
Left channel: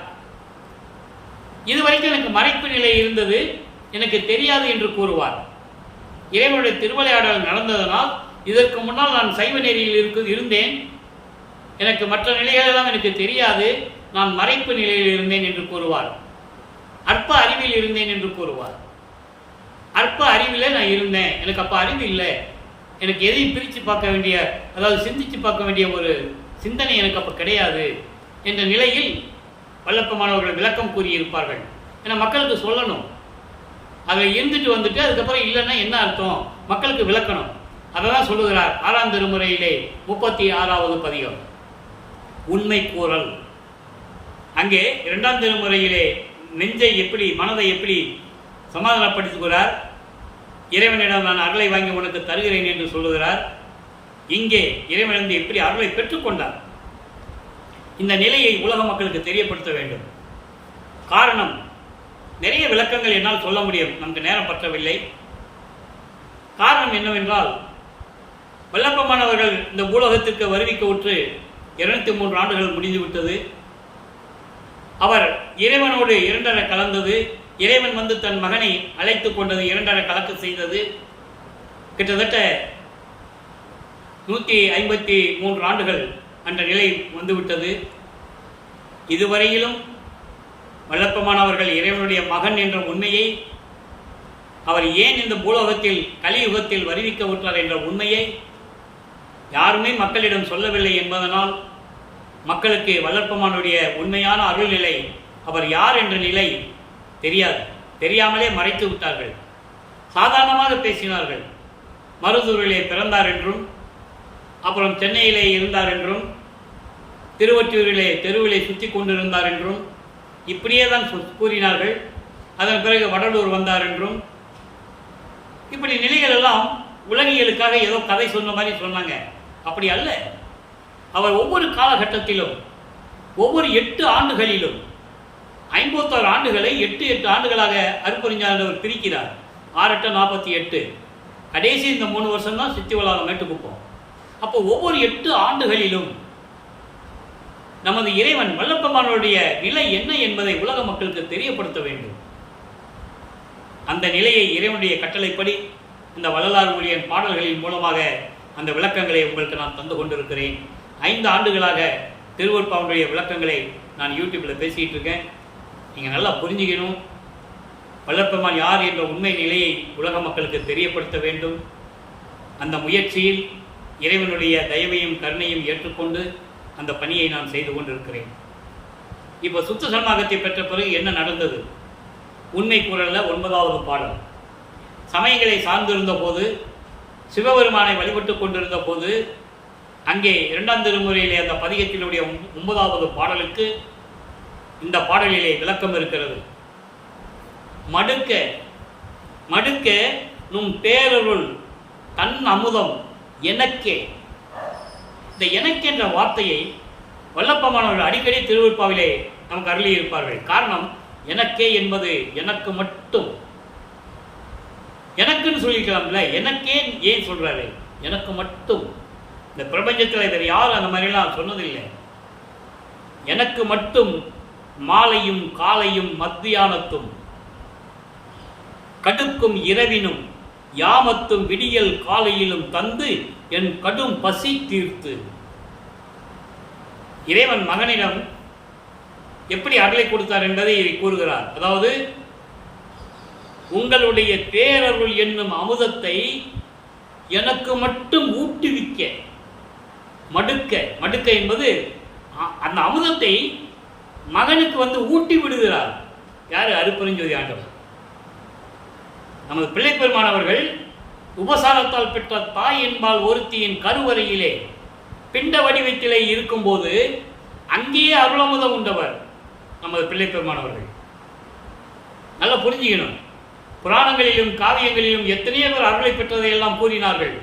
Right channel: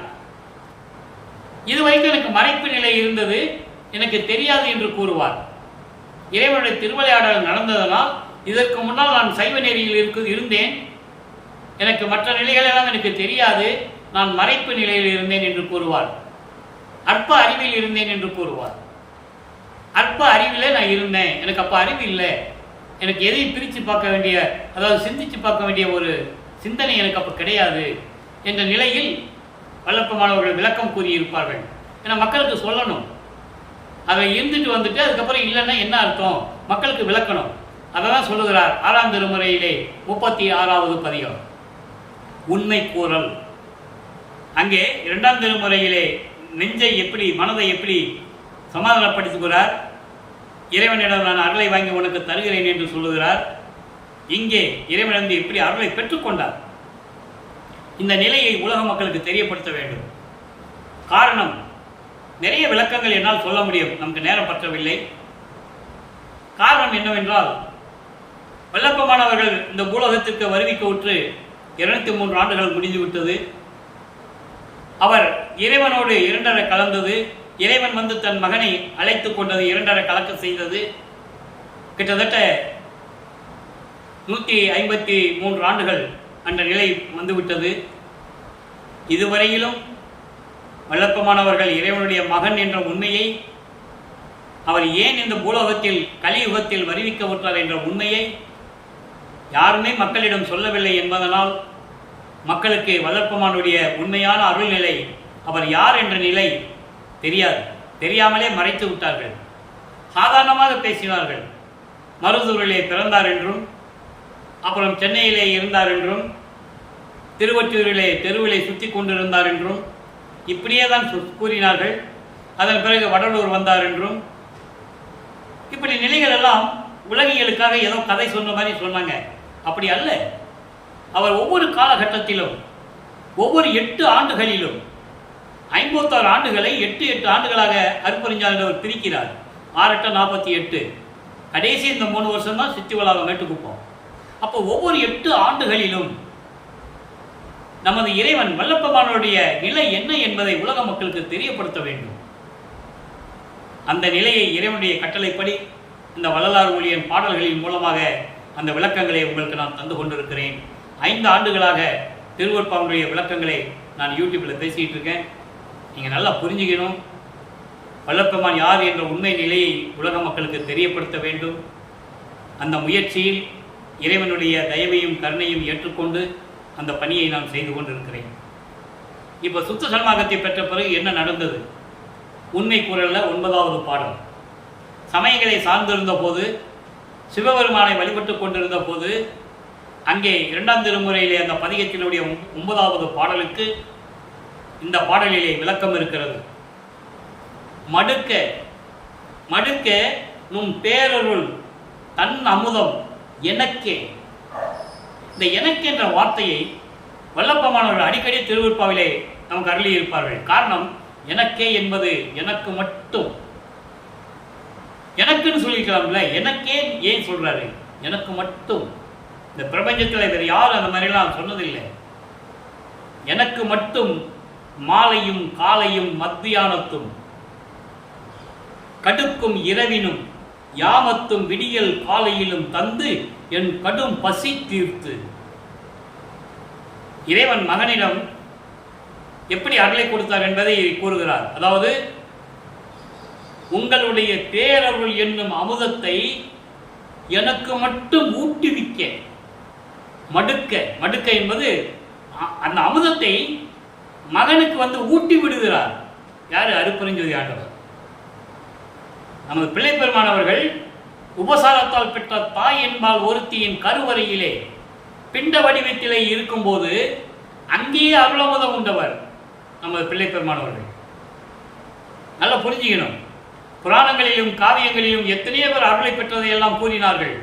இதுவரைக்கும் எனக்கு மறைப்பு நிலை இருந்தது, எனக்கு தெரியாது என்று கூறுவார். இறைவனுடைய திருவிளையாடல் நடந்ததனால் இதற்கு முன்னால் நான் சைவ நெறியில் இருந்தேன், எனக்கு மற்ற நிலைகளெல்லாம் எனக்கு தெரியாது, நான் மறைப்பு நிலையில் இருந்தேன் என்று கூறுவார். அற்ப அறிவில் இருந்தேன் என்று கூறுவார். அற்ப அறிவில் நான் இருந்தேன், எனக்கு அப்போ அறிவு இல்லை, எனக்கு எதையும் பிரித்து பார்க்க வேண்டிய, அதாவது சிந்தித்து பார்க்க வேண்டிய ஒரு சிந்தனை எனக்கு அப்போ கிடையாது என்ற நிலையில் வல்லப்பமானவர்கள் விளக்கம் கூறியிருப்பார்கள். ஏன்னா மக்களுக்கு சொல்லணும், அதை இருந்துட்டு வந்துட்டு அதுக்கப்புறம் இல்லைன்னா என்ன அர்த்தம், மக்களுக்கு விளக்கணும். அதை தான் சொல்லுகிறார் 6ஆம் திருமுறையிலே 36வது பதிகம் உண்மை கூறல். அங்கே 2ஆம் திருமுறையிலே நெஞ்சை எப்படி, மனதை எப்படி சமாதானப்படுத்துகிறார். இறைவனிடம் நான் அருளை வாங்கி உனக்கு தருகிறேன் என்று சொல்லுகிறார். இங்கே இறைவனிடம் எப்படி அருளை பெற்றுக்கொண்டார். இந்த நிலையை உலக மக்களுக்கு தெரியப்படுத்த வேண்டும். காரணம், நிறைய விளக்கங்கள் என்னால் சொல்ல முடியும், நமக்கு நேரம் பற்றவில்லை. காரணம் என்னவென்றால், வல்லப்பமானவர்கள் இந்த பூலோகத்திற்கு வருவிக்க உற்று 203 ஆண்டுகள் முடிந்துவிட்டது. அவர் இறைவனோடு 2 கலந்தது. இறைவன் வந்து தன் மகனை அழைத்து கொண்டது, 2 கலக்க செய்தது. கிட்டத்தட்ட 153 ஆண்டுகள் அந்த நிலை வந்துவிட்டது. இதுவரையிலும் வல்லப்பமானவர்கள் இறைவனுடைய மகன் என்ற உண்மையை, அவர் ஏன் இந்த பூலோகத்தில் கலியுகத்தில் வருவிக்க விட்டார் என்ற உண்மையை யாருமே மக்களிடம் சொல்லவில்லை என்பதனால் மக்களுக்கு வல்லப்பமானுடைய உண்மையான அருள்நிலை, அவர் யார் என்ற நிலை தெரியாது. தெரியாமலே மறைத்து விட்டார்கள். சாதாரணமாக பேசினார்கள். மருதூரிலே பிறந்தார் என்றும், அப்புறம் சென்னையிலே இருந்தார் என்றும், திருவொற்றியூரிலே தெருவிலே சுற்றி கொண்டிருந்தார் என்றும் இப்படியே தான் கூறினார்கள். அதன் பிறகு வடலூர் வந்தார் என்றும், இப்படி நிலைகள் எல்லாம் உலகியலுக்காக ஏதோ கதை சொன்ன மாதிரி சொன்னாங்க. அப்படி அல்ல. அவர் ஒவ்வொரு காலகட்டத்திலும், ஒவ்வொரு 8 ஆண்டுகளிலும், 56 ஆண்டுகளை 8 ஆண்டுகளாக அருட்பெருஞ்சாண்டவர் பிரிக்கிறார். 6 8 48. கடைசி இந்த 3 வருஷம் தான் சித்திவளாகம் மேட்டுக்குப்போம். அப்போ ஒவ்வொரு 8 ஆண்டுகளிலும் நமது இறைவன் வல்லப்பெருமானுடைய நிலை என்ன என்பதை உலக மக்களுக்கு தெரியப்படுத்த வேண்டும். அந்த நிலையை இறைவனுடைய கட்டளைப்படி இந்த வள்ளலார் ஊழியன் பாடல்களின் மூலமாக அந்த விளக்கங்களை உங்களுக்கு நான் தந்து கொண்டிருக்கிறேன். 5 ஆண்டுகளாக திருவருட்பாவினுடைய விளக்கங்களை நான் யூடியூப்பில் பேசிகிட்டு இருக்கேன். நீங்கள் நல்லா புரிஞ்சுக்கணும். வல்லப்பெருமான் யார் என்ற உண்மை நிலையை உலக மக்களுக்கு தெரியப்படுத்த வேண்டும். அந்த முயற்சியில் இறைவனுடைய தயவையும் கருணையும் ஏற்றுக்கொண்டு அந்த பணியை நான் செய்து கொண்டிருக்கிறேன். இப்போ சுத்த சன்மார்க்கத்தை பெற்ற பிறகு என்ன நடந்தது? உண்மை குரலில் 9வது பாடல். சமயங்களை சார்ந்திருந்த போது, சிவபெருமானை வழிபட்டு கொண்டிருந்த போது, அங்கே 2ஆம் திருமுறையிலே அந்த பதிகத்தினுடைய 9வது பாடலுக்கு இந்த பாடலிலே விளக்கம் இருக்கிறது. மடுக்க மடுக்க நும் பேரருள் தன் அமுதம் எனக்கே. இந்த எனக்கு என்ற வார்த்தையை வல்லப்பெருமானவர்கள் அடிக்கடி திருவருட்பாவிலே நமக்கு அருளி இருப்பார்கள். காரணம், எனக்கே என்பது எனக்கு மட்டும். எனக்குன்னு சொல்லிக்கலாம்ல, எனக்கே ஏன் சொல்றாரு? எனக்கு மட்டும். இந்த பிரபஞ்சத்தில் வேறு யாரும் அந்த மாதிரிலாம் சொன்னதில்லை. எனக்கு மட்டும் மாலையும் காலையும் மத்தியானத்தும் கடுக்கும் இரவினும் யாமத்தும் விடியல் காலையிலும் தந்து என் கடும் பசி தீர்த்து. இறைவன் மகனிடம் எப்படி அருளை கொடுத்தார் என்பதை கூறுகிறார். அதாவது, உங்களுடைய பேரருள் என்னும் அமுதத்தை எனக்கு மட்டும் ஊட்டுவிக்க. மடுக்க மடுக்க என்பது அந்த அமுதத்தை மகனுக்கு ஊட்டி விடுகிறார். யாரு? அருட்பெருஞ்சோதி ஆண்டவர். நமது பிள்ளைப்பெருமானவர்கள் உபசாரத்தால் பெற்ற தாய் என்பால் ஒருத்தியின் கருவறையிலே பிண்ட வடிவத்திலே இருக்கும்போது அங்கேயே அருளமுதம் உண்டவர் நமது பிள்ளைப்பெருமானவர்கள். நல்லா புரிஞ்சுக்கணும். புராணங்களிலும் காவியங்களிலும் எத்தனையோ பேர் அருளை பெற்றதையெல்லாம் கூறினார்கள்.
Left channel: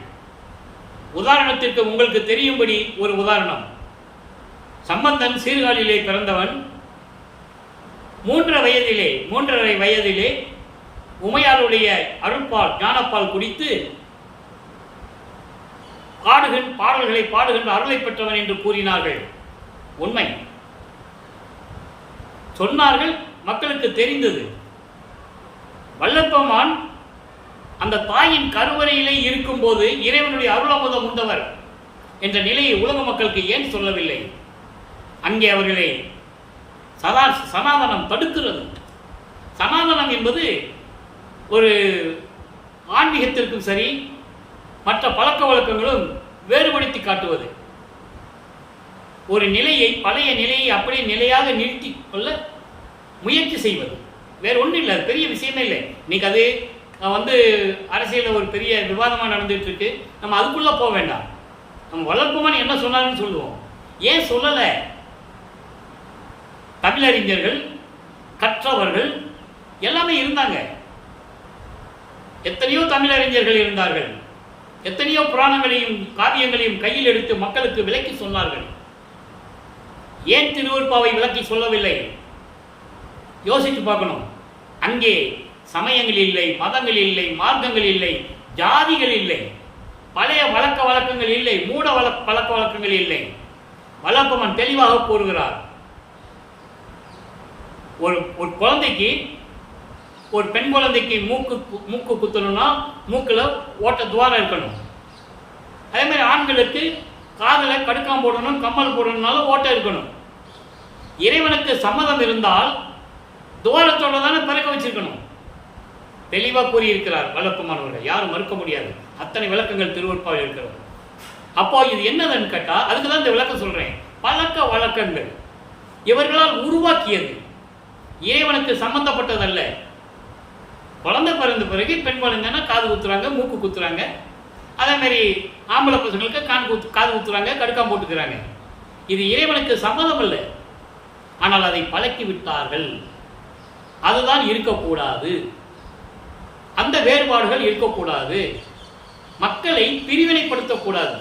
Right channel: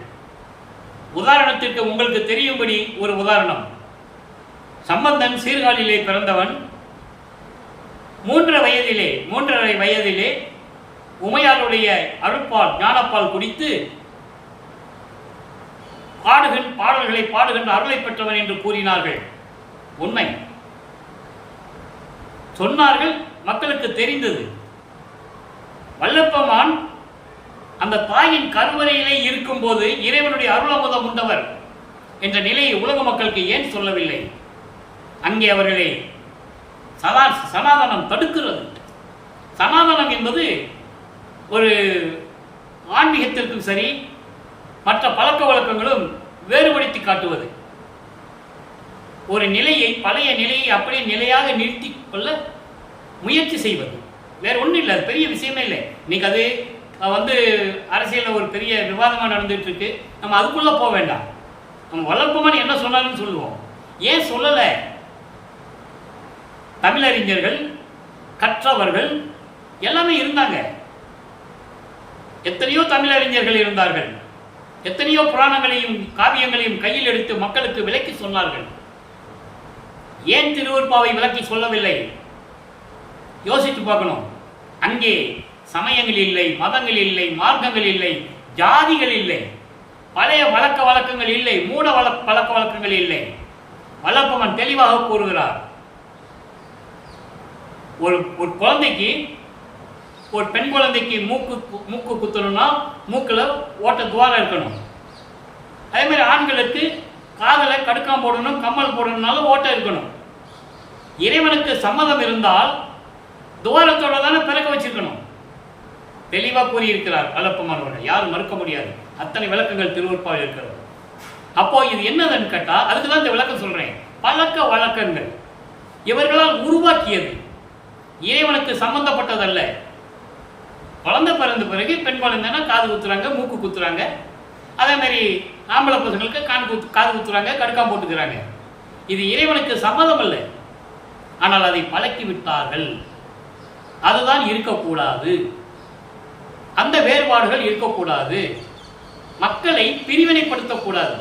உதாரணத்திற்கு உங்களுக்கு தெரியும்படி ஒரு உதாரணம். சம்பந்தன் சீர்காழியிலே பிறந்தவன். 3.5 வயதிலே உமையாளுடைய அருட்பால் ஞானப்பால் குடித்து பாடல்களை பாடுகின்ற அருளை பெற்றவன் என்று கூறினார்கள். உண்மை சொன்னார்கள், மக்களுக்கு தெரிந்தது. வல்லப்பெருமான் அந்த தாயின் கருவறையிலே இருக்கும்போது இறைவனுடைய அருளமுதம் உண்டவர் என்ற நிலையை உலக மக்களுக்கு ஏன் சொல்லவில்லை? அங்கே அவர்களை சனாதனம் தடுக்கிறது. சனாதனம் என்பது ஒரு ஆன்மீகத்திற்கும் சரி, மற்ற பழக்க வழக்கங்களும் வேறுபடுத்தி காட்டுவது. ஒரு நிலையை, பழைய நிலையை அப்படியே நிலையாக நிறுத்தி கொள்ள முயற்சி செய்வது. வேறு ஒன்றும் இல்லை, அது பெரிய விஷயமே இல்லை. இன்னைக்கு அது அரசியலில் ஒரு பெரிய விவாதமாக நடந்துட்டு இருக்கு. நம்ம அதுக்குள்ளே போக வேண்டாம். நம்ம வல்லப்பெருமான் என்ன சொன்னார்னு சொல்லுவோம். ஏன் சொல்லலை? தமிழறிஞர்கள், கற்றவர்கள் எல்லாமே இருந்தாங்க. எத்தனையோ தமிழறிஞர்கள் இருந்தார்கள். எத்தனையோ புராணங்களையும் காவியங்களையும் கையில் எடுத்து மக்களுக்கு விளக்கி சொன்னார்கள். ஏன் திருவருட்பாவை விளக்கி சொல்லவில்லை? யோசித்து பார்க்கணும். அங்கே சமயங்கள் இல்லை, மதங்கள் இல்லை, மார்க்கங்கள் இல்லை, ஜாதிகள் இல்லை, பழைய பழக்க வழக்கங்கள் இல்லை, மூட பழக்க வழக்கங்கள் இல்லை. வல்லப்பெருமான் தெளிவாக கூறுகிறார். ஒரு குழந்தைக்கு, ஒரு பெண் குழந்தைக்கு மூக்கு குத்தணும்னா மூக்கில் ஓட்ட துவாரம் இருக்கணும். அதே மாதிரி ஆண்களுக்கு காதில் கடுக்காம் போடணும், கம்மல் போடணும்னாலும் ஓட்டை இருக்கணும். இறைவனுக்கு சம்மதம் இருந்தால் துவாரத்தோட தானே பிறக்க வச்சிருக்கணும். தெளிவாக கூறியிருக்கிறார் வல்லப்பெருமானவர்கள். யாரும் மறுக்க முடியாது. அத்தனை விளக்கங்கள் திருவருட்பாவில் இருக்கிறது. அப்போ இது என்னதுன்னு கேட்டால், அதுக்கு தான் இந்த விளக்கம் சொல்றேன். பழக்க வழக்கங்கள் இவர்களால் உருவாக்கியது, இறைவனுக்கு சம்பந்தப்பட்டதல்ல. குழந்தை பிறந்த பிறகு பெண் குழந்தைன்னா காது குத்துறாங்க, மூக்கு குத்துறாங்க. அதே மாதிரி ஆம்பளை பசங்களுக்கு காது குத்துறாங்க, கடுக்காம் போட்டுக்கிறாங்க. இது இறைவனுக்கு சம்மதம் அல்ல. ஆனால் அதை பழக்கி விட்டார்கள். அதுதான் இருக்கக்கூடாது. அந்த வேறுபாடுகள் இருக்கக்கூடாது. மக்களை பிரிவினைப்படுத்தக்கூடாது.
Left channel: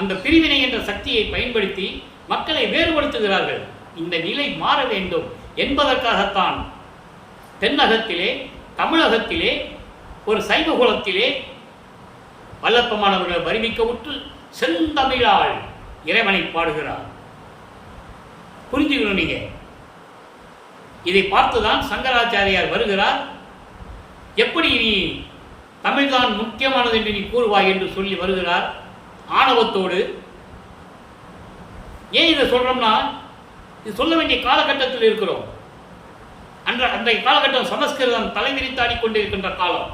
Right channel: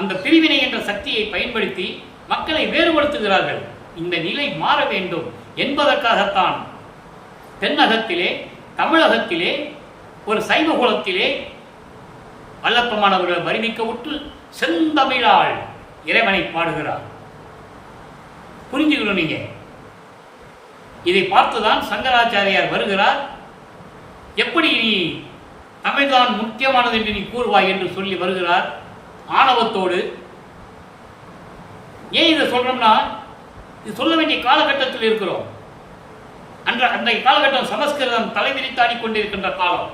அந்த பிரிவினை என்ற சக்தியை பயன்படுத்தி மக்களை வேறுபடுத்துகிறார்கள். இந்த நிலை மாற வேண்டும் என்பதற்காகத்தான் தென்னகத்திலே, தமிழகத்திலே, ஒரு சைவ குலத்திலே வல்லப்பெருமானவர்கள் வருவிக்க விட்டு செந்தமிழால் இறைவனை பாடுகிறார். புரிஞ்சுக்கணும். நீங்க இதை பார்த்துதான் சங்கராச்சாரியார் வருகிறார். எப்படி நீ தமிழ்தான் முக்கியமானது என்று நீ கூறுவாய் என்று சொல்லி வருகிறார் ஆணவத்தோடு. ஏன் இதை சொல்றோம்னா, இது சொல்ல வேண்டிய காலகட்டத்தில் இருக்கிறோம். அன்றைய காலகட்டம் சமஸ்கிருதம் தலைவிரித்தாடி கொண்டிருக்கின்ற காலம்.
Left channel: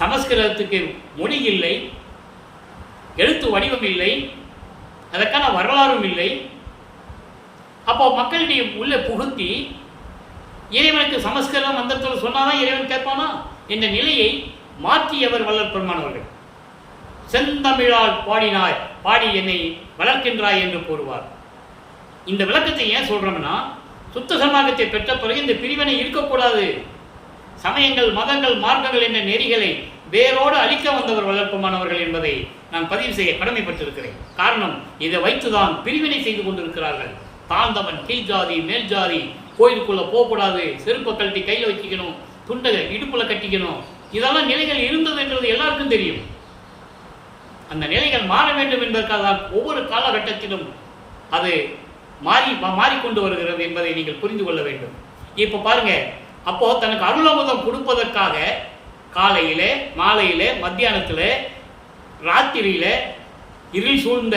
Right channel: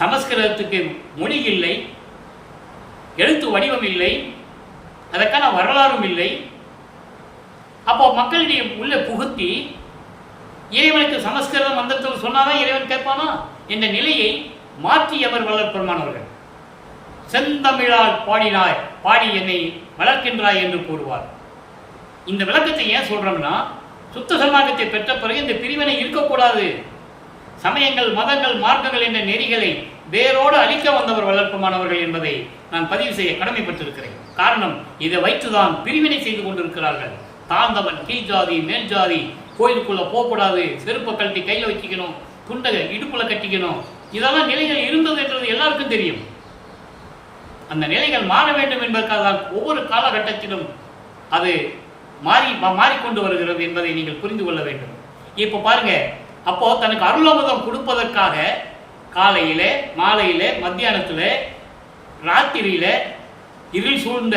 சமஸ்கிருதத்துக்கு மொழி இல்லை, எழுத்து வடிவம் இல்லை, அதற்கான வரலாறும் இல்லை. அப்போ மக்களிடையே உள்ள புகுத்தி இறைவனுக்கு சமஸ்கிருதம் மந்திரத்தில் சொன்னாதான் இறைவன் கேட்பானா என்ற நிலையை மாற்றியவர் வள்ளல் பெருமானவர்கள். செந்தமிழால் பாடினாய், பாடி என்னை வளர்க்கின்றாய் என்று கூறுவார். இந்த விளக்கத்தை ஏன் சொல்றோம்னா, சுத்த சன்மார்க்கத்தை பெற்ற பிறகு இந்த பிரிவினை இருக்கக்கூடாது. சமயங்கள், மதங்கள், மார்க்கங்கள் என்ற நெறிகளை வேரோடு அழிக்க வந்தவர் வள்ளல் பெருமானவர்கள் என்பதை நான் பதிவு செய்ய கடமைப்பட்டிருக்கிறேன். காரணம், இதை வைத்துதான் பிரிவினை செய்து கொண்டிருக்கிறார்கள். தாழ்ந்தவன் கீழ் ஜாதி, மேல் ஜாதி, கோயிலுக்குள்ள போகக்கூடாது, செருப்பை கழட்டி கையில் வச்சுக்கணும், துண்டை இடுப்புல கட்டிக்கணும், இதெல்லாம் நிலைகள் இருந்தது என்றது எல்லாருக்கும் தெரியும். அந்த நிலைகள் மாற வேண்டும் என்பதற்காக ஒவ்வொரு காலகட்டத்திலும் அது மாறிக்கொண்டு வருகிறது என்பதை நீங்கள் புரிந்து கொள்ள வேண்டும். இப்போ பாருங்க, அப்போ தனக்கு அருளமுதம் கொடுப்பதற்காக காலையில, மாலையில, மத்தியானத்தில், ராத்திரியில, இருள் சூழ்ந்த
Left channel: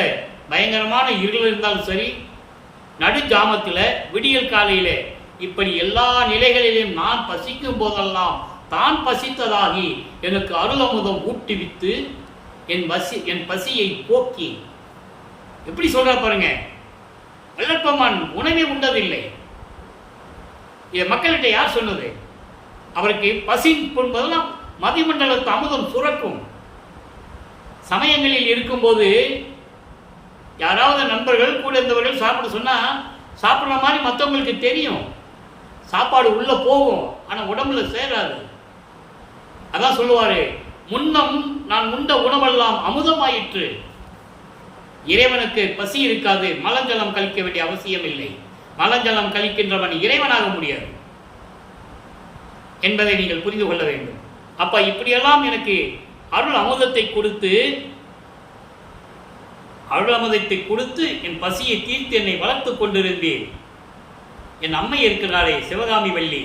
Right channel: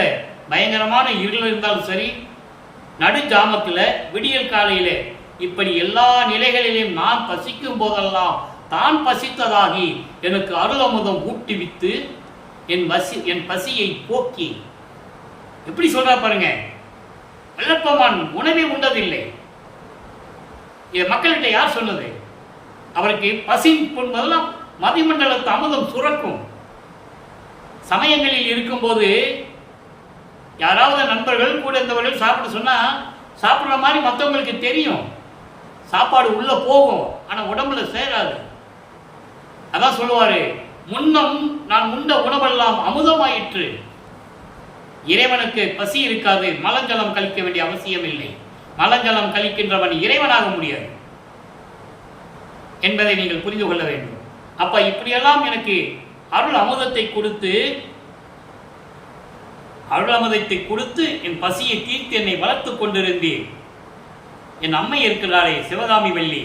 பயங்கரமான இருள் இருந்தாலும் சரி, நடுஜாமத்தில், விடியல் காலையில, இப்படி எல்லா நிலைகளிலும் நான் பசிக்கும் போதெல்லாம் தான் பசித்ததாகி எனக்கு அருளமுதம் ஊட்டிவித்து என் பசியை போக்கி, எப்படி சொல்ற பாருங்க. வள்ளற்பெருமான் உணவே உண்டதில்லை. இதை மக்கள்கிட்ட யார் சொன்னது? அவருக்கு பசி போதெல்லாம் மதிமண்டலத்து அமுதம் சுரக்கும். சமயங்களில் இருக்கும்போது யாராவது நண்பர்கள் கூட இருந்தவர்கள் சாப்பிட சொன்னா சாப்பிட்ற மாதிரி மற்றவங்களுக்கு தெரியும். சாப்பாடு உள்ள போகும், ஆனா உடம்புல சேராது. அதான் சொல்லுவாரு, முன்னம் நான் உண்ட உணவெல்லாம் அமுதமாயிற்று. இறைவனுக்கு பசி இருக்காது, மலஞ்சலம் கழிக்க வேண்டிய அவசியம் இல்லை. மலஞ்சலம் கழிக்கின்றவன் இறைவனாக முடியாது என்பதை நீங்கள் புரிந்து கொள்ள வேண்டும். அப்ப இப்படியெல்லாம் எனக்கு அருள் அமுதத்தை கொடுத்து என் பசியை தீர்த்து என்னை வளர்த்து கொண்டிருந்தேன். என் அம்மை இருக்கிறாளே சிவகாமி வள்ளி,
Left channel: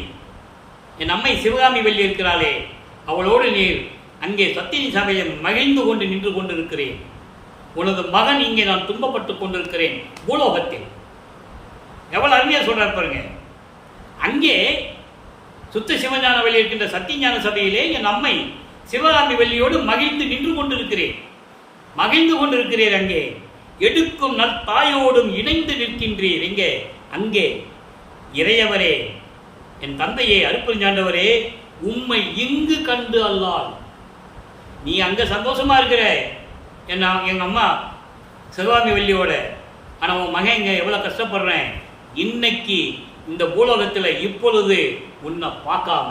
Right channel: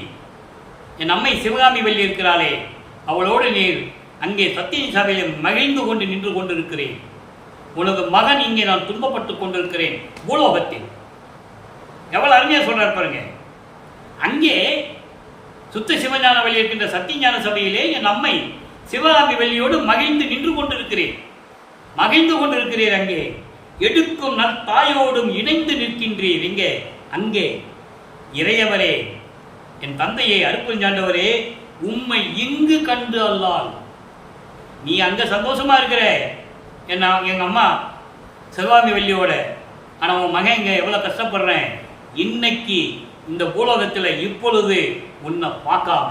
என் அம்மை சிவகாமி வள்ளி இருக்கிறாளே, அவளோடு நீர் அங்கே சத்திய சபையில் மகிழ்ந்து கொண்டு நின்று கொண்டிருக்கிறேன். உனது மகன் இங்கே நான் துன்பப்பட்டு கொண்டிருக்கிறேன் பூலோகத்தில். எவ்வளவு அருமையா சொல்றார் பாருங்க. அங்கே சுத்த சிவஞான வழி இருக்கின்ற சத்தியஞான சபையிலே என் அம்மை சிவகாமி வள்ளியோடு மகிழ்ந்து நின்று கொண்டிருக்கிறேன். மகிழ்ந்து கொண்டிருக்கிறீர். அங்கே எடுக்கும் நல் தாயோடும் இணைந்து நிற்கின்றீர். எங்கே? அங்கே. இறையவரே, என் தந்தையே, அருப்பெருஞ்சாண்டவரே, உம்மை இங்கு கண்டு அல்லால். நீ அங்க சந்தோஷமா இருக்கிற எங்க அம்மா சிவகாமி வள்ளியோட, ஆனா உன் மகன் இங்க எவ்வளவு கஷ்டப்படுறேன். இன்னைக்கு இந்த பூலோகத்தில் இப்பொழுது உன்னை பார்க்காம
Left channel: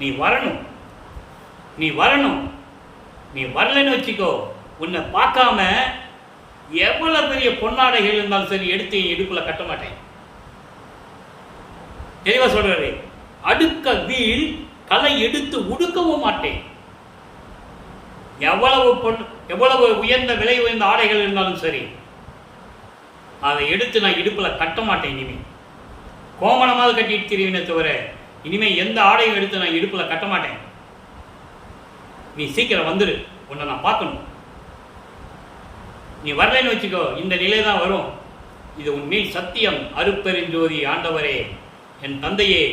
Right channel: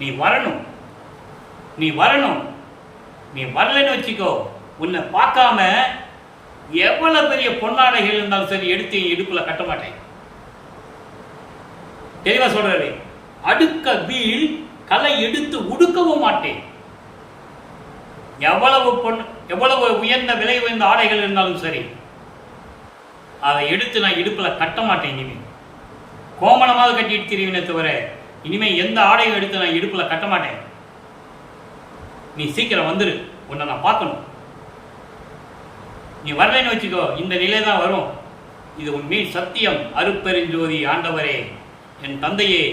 நீ வரணும். நீ வரலன்னு வச்சுக்கோ, உன்னை பார்க்காம எவ்வளவு பெரிய பொன்னாடைகள் இருந்தாலும் சரி எடுத்து இடுப்புல கட்ட மாட்டேன். தெளிவா சொல்றாரு. அடுக்க வீழ் களை எடுத்து உடுக்கவும் மாட்டேன். எவ்வளவு உயர்ந்த விலை உயர்ந்த ஆடைகள் இருந்தாலும் சரி அதை எடுத்து நான் இடுப்புல கட்ட மாட்டேன். இனிமே கோமணமாவது கட்டிட்டு திரிவினே தவிர இனிமே எந்த ஆடையும் எடுத்து நான் இடுப்புல கட்ட மாட்டேன். நீ சீக்கிரம் வந்துரு, உன்னை நான் பார்க்கணும். நீ வரலைன்னு வச்சுக்கோ, இந்த நிலை தான் வரும். இது உன் மீது சத்தியம், அருப்பெருஞ்சோதி ஆண்டவரே, என் தந்தையே,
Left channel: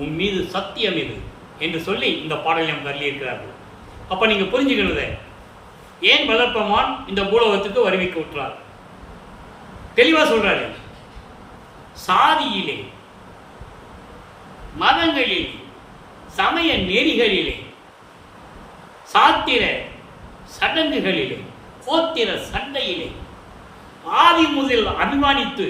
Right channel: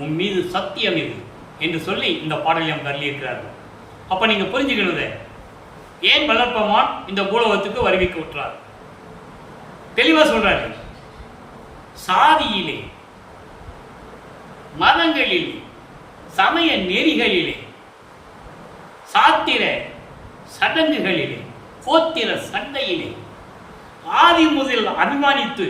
உன் மீது சத்தியம் இது என்று சொல்லி இந்த பாடலியம் தள்ளி இருக்கிறார்கள். அப்ப நீங்க புரிஞ்சுக்கணுத, ஏன் வளர்ப்பமான் இந்த பூலோகத்துக்கு வருவிக்க விட்டுறார். தெளிவா சொல்றாரு. சாதியிலே, மதங்களிலே, சமய நெறிகளிலே, சாத்திர சடங்குகளிலே, கோத்திர சண்டையிலே ஆதி முதல் அபிமானித்து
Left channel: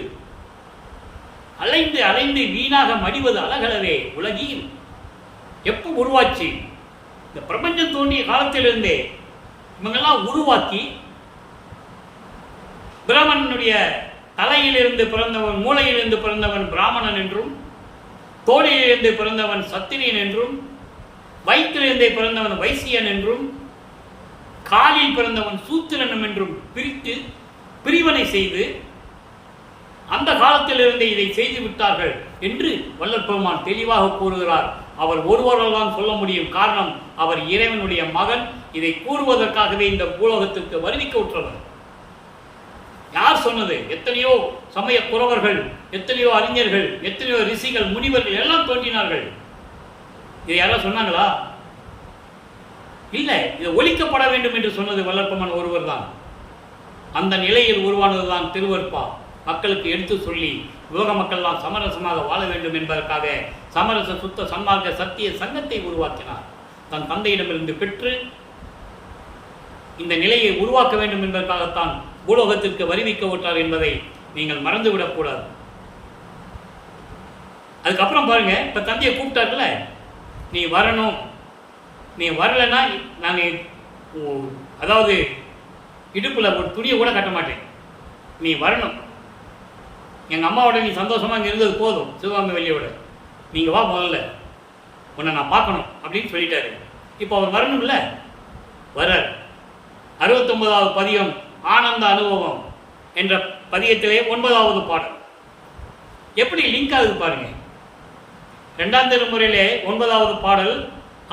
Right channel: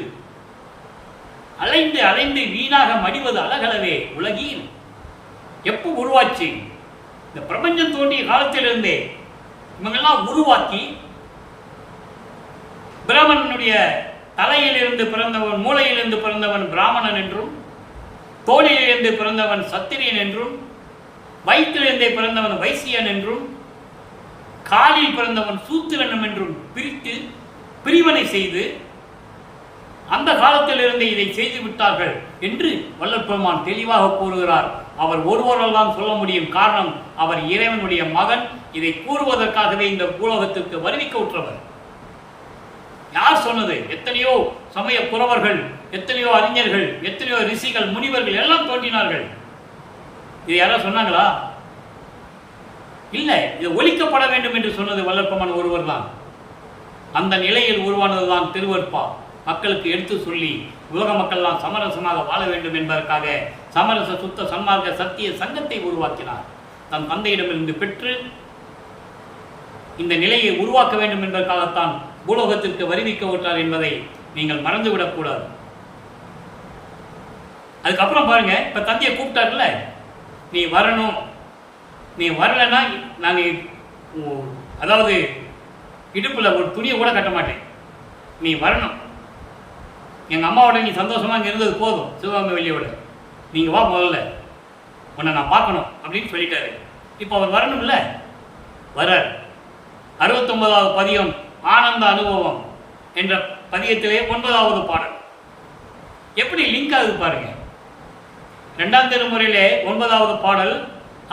அலைந்து அலைந்து வீணாக மடிவது அழகலவே உலகில் எப்போ உருவாச்சு? இந்த பிரபஞ்சம் தோன்றிய காலத்திலிருந்தே இவங்கெல்லாம் உருவாக்கி பிராமணனுடைய தலையிலிருந்து பிறந்தவன், மூளையிலிருந்து பிறந்தவன் பிராமணன் என்றும், தோளிலிருந்து பிறந்தவன் சத்திரியன் என்றும், வயிற்றிலிருந்தே பிறந்தவன் வைசியன் என்றும், காலில் பிறந்தவன் சூத்திரனும் என்றும் பிரித்து பிரிவினை செய்து அந்த காலத்திலிருந்து இதை செய்து விட்டார்கள் என்று வள்ளல் பெருமான் தெளிவாக கூறுகிறார். அவர் ஒருவரால் தான் சொல்ல முடியும். காரணம், அவர் இறைவனுடைய மகன். இதை கூறுவதற்காகவே இந்த பூலோகத்திற்கு வருவிக்க உற்றவர். யார் சொன்னது? எத்தனையோ சமய குறவர்கள், எத்தனையோ அறிஞர்கள், எத்தனையோ ரிஷிகள், முனிவர்கள் எல்லாம் தோன்றினார்கள். இதை யாராவது சொன்னாங்களா? இல்லை. இது ஒழிக்கப்பட வேண்டும் என்று சொன்னது வள்ளல் பெருமான் ஒருவர் தான். அந்த நிலையில் உருவானதுதான் திருவருட்பா. மக்களுக்கு எடுத்து சொல்லி உலக மக்கள்லாம் சமரசமாக வாழ வேண்டும் என்பதற்காக சமரச சுத்த சன்மார்க்க சத்திய சங்கத்தை உருவாக்கினார். தன் தந்தையிடமிருந்து பெற்று இந்த நிலையை உருவாக்க வேண்டும் என்பதற்காகத்தான் பூலோகத்திற்கு வருவிக்க விட்டார் என்பதை நீங்கள் மறந்துவிடக்கூடாது. அதுக்கப்புறம் பாருங்க, இப்ப தந்தையை கூப்பிட்டார்ல, நீ வரணும், நீ வரலன்னா நாங்கள் அதாவது இடுப்புல ஒரு துணியை கூட கட்ட மாட்டேன், நீ வரணும், எங்கள் அம்மாவோட நீ சந்தோஷமாக இங்கே இருந்தது போதும், சிவகாமி வள்ளியோட, நீங்கள் வா, முதல்ல உன்னை நான் பார்க்கணும் அப்படின்னு சொல்லிட்டாரு. இப்போ அவர் வரணும்ல, வரார். 69வது பதிகம் ஆனந்த அனுபவம் என்ற பதிகத்திலே 9வது பாடல் எப்படி லிங்க் ஆகுது பாருங்க. 2ஆம் திருமுறையிலே 9வது பாடல்,